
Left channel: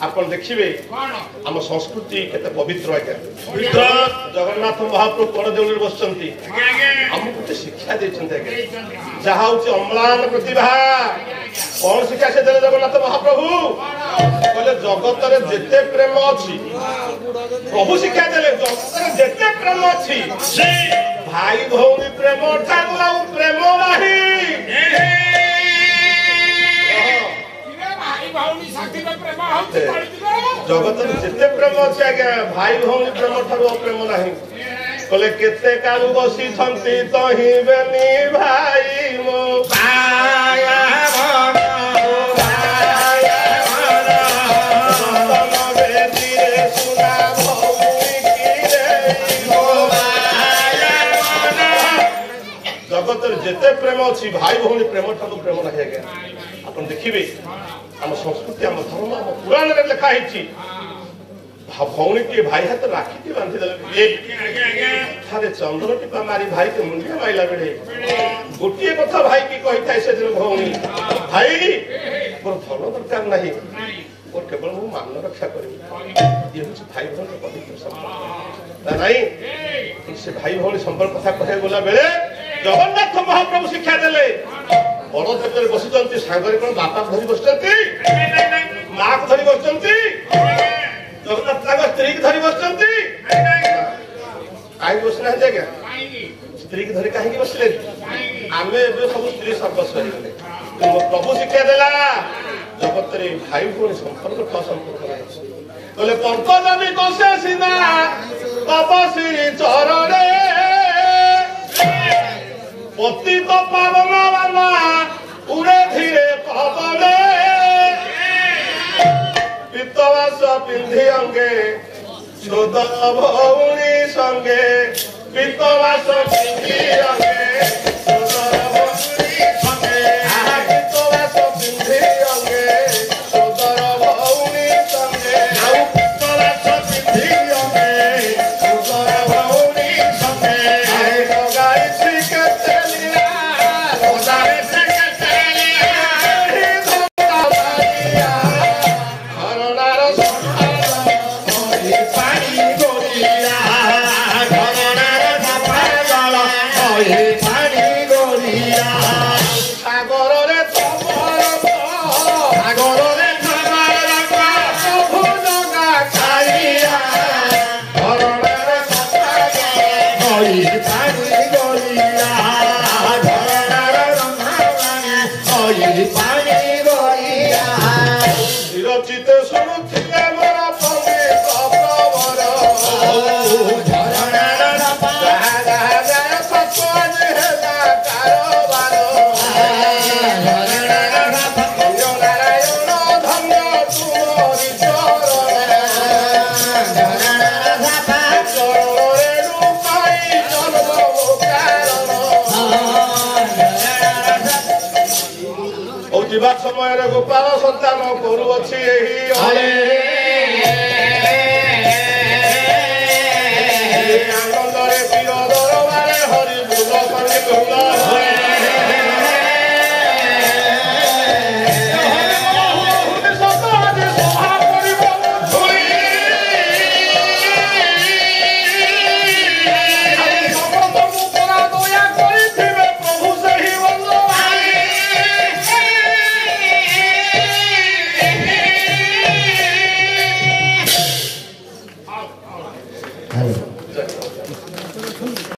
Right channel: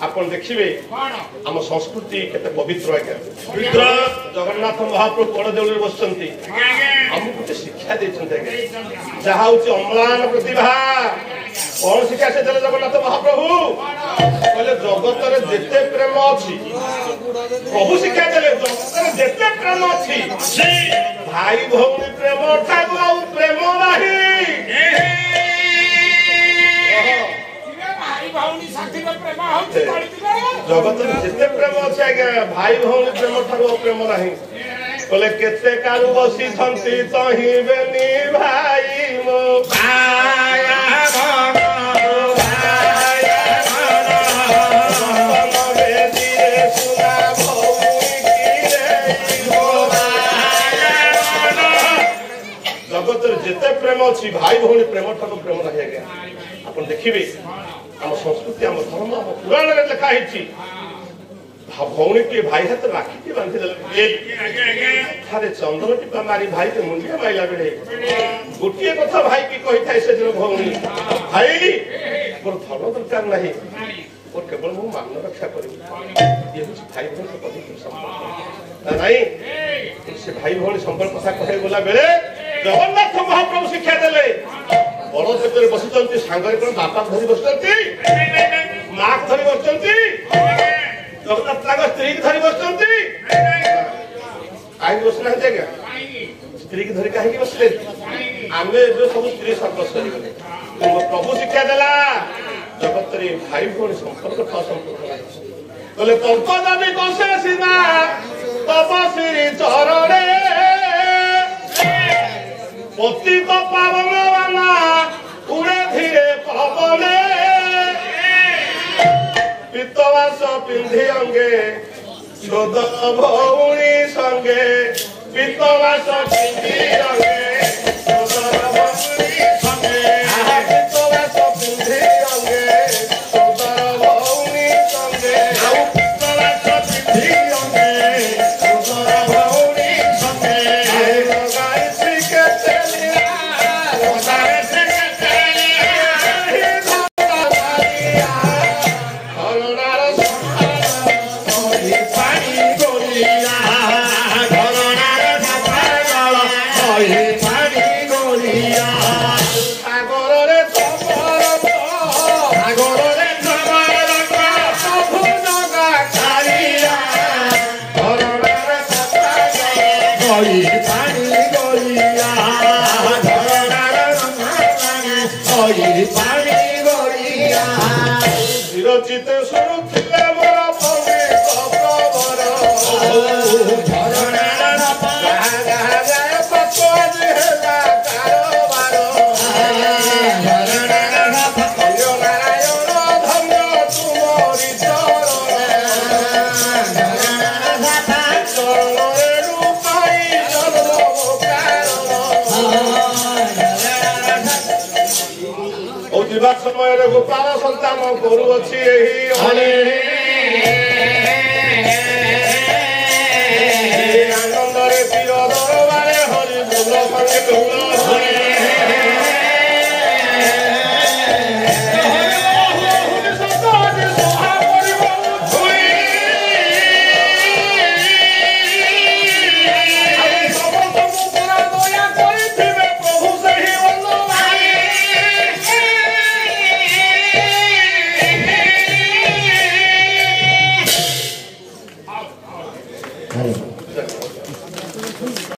ଆପଣ ଦେଖିବେ ଆମ ସଂସ୍କୃତି କେତେ ପବିତ୍ର ଆଜ୍ଞା ଜଗନ୍ନାଥ ମହାପ୍ରଭୁ ବଡ ଦେଉଳରେ ବସିଛନ୍ତି ଆମକୁ ଗୋଟେ ଶିକ୍ଷା ଦେଇଛନ୍ତି ଆଜ୍ଞା ଯାହା ହଉଛି ଅମ୍ଳାନ ପ୍ରତିଭା କଣ ଶିକ୍ଷା ସେ ଦେଲେ ଜଗନ୍ନାଥ ମହାପ୍ରଭୁ କହିଲେ ଜଗତରେ ଯେତେ ପ୍ରେମ ଅଛି ପ୍ରଭୁ ଶିକ୍ଷା ଦେଲେ ଜଗତରେ ଯେତେ ପ୍ରେମ ଅଛି ଭାଇ ଭଉଣୀ ପ୍ରେମ ଠାରୁ ଆଉ ପ୍ରେମ ନାହିଁ ଜଗତରେ ଯେତେ ପ୍ରେମ ଅଛି ଆଜ୍ଞା ଭାଇ ଭଉଣୀ ପ୍ରେମ ଠାରୁ ଅପ୍ରେମ ନାହିଁ କହିଲେ କେତେ କାଳୁ ବସିଛନ୍ତି ତହିଁବେନି ଭାଇ ମୋ ଜଗତରେ ଯେତେ ପ୍ରେମ ଅଛି ଭାଇ ଭଉଣୀ ପ୍ରେମ ଠାରୁ ପ୍ରେମ ନାହିଁ ଆଜ୍ଞା ଆପଣ ଦେଖିବେ ଆମ ସଂସ୍କୃତି ଆମ ଧର୍ମ ଆମ ପୁରାଣରେ ଲେଖା ହେଇଛି ଭଉଣୀ କିଏ ଭାଇ ହାତ ରାକ୍ଷୀଟି ବାନ୍ଧିଦେଲେ ଥରେ ଚନ୍ଦ୍ର ଟିପା ମାରି ଭାଇକୁ ମୁଣ୍ଡିଆ ମାଇଲା ବେଳେ ଗୋଟିଏ କଥା ଭାଇ କି କହିଥାଏ ସେଦିନ ଭଉଣୀ ଭାଇ ମୋର ଧନ ଦରକାର ନାହିଁ ମୋର କେବଳ ମୁଁ ମାନ ରକ୍ଷା କରିବି ଇଏ ହଉଛି ଭାଇ ଭଉଣୀ ପବିତ୍ର ସମ୍ପର୍କ ନାଇଁ ସେ ଭାଇ ଭଉଣୀ ସମ୍ପର୍କ କଥା କହିବାକୁ ଗଲା ବେଳେ ଜଗନ୍ନାଥ ମହାପ୍ରଭୁ ଶିକ୍ଷା ଦେଲେ ବଡ ଦେଶରେ ବସିଛନ୍ତି ସାଙ୍ଗରେ କଣ ବାପା ଧରି ବସିଛନ୍ତି ମା ଧରି ବସିଛନ୍ତି ଜଗନ୍ନାଥ ତାଙ୍କ ସ୍ତ୍ରୀକି ଧରି ବସିଛନ୍ତି କାହିଁକି ବସିନାହାନ୍ତି ଆଜ୍ଞା ସ୍ତ୍ରୀକି ଧରି କାହିଁକି ବସିଲେ ଆମେ ଏବେ ସବୁ ସ୍ତ୍ରୀ ସର୍ବସ୍ୱ ହେଇଗଲେ ମୋ ପ୍ରଭୁ ଶିକ୍ଷା ଦେଲା ଜଗତରେ ଭାଇ ଭଉଣୀ ସମ୍ପର୍କ ସମ୍ପର୍କ ନାହିଁ କହିଲେ ପଙ୍କଜାମି କଷେ ସିନା ତବ ଶ୍ରୀ ଚରଣେ ପତିତ ପାବନ ବାନା ଉଡ଼େ ଧୀରେ ପବନେ ପିତବାସ ପିନ୍ଧି ଅଙ୍ଗେ ସୋଦର ଭଉଣୀ ସଙ୍ଗେ ପିତବାସ ପିନ୍ଧି ଅଙ୍ଗେ ସୋଦର ଭଉଣୀ ସଙ୍ଗେ ପିତବାସ ପିନ୍ଧି ଅଙ୍ଗେ ସୋଦର ଭଉଣୀ ସଙ୍ଗେ ପିତବାସ ପିନ୍ଧି ଅଙ୍ଗେ ସୋଦର ଭଉଣୀ ସଙ୍ଗେ ଲଗାଇ ଶିଖେ Hey. ଛୁଆ ସମୟରେ ଗୋପାଳ ସନ୍ତାନ କରୁଅଛି ଏହି ଆନନ୍ଦରେ ପ୍ରିୟ ଦରବାରେ ହରି ବୋଲ ସଙ୍ଗେ ବୋଲ Hello.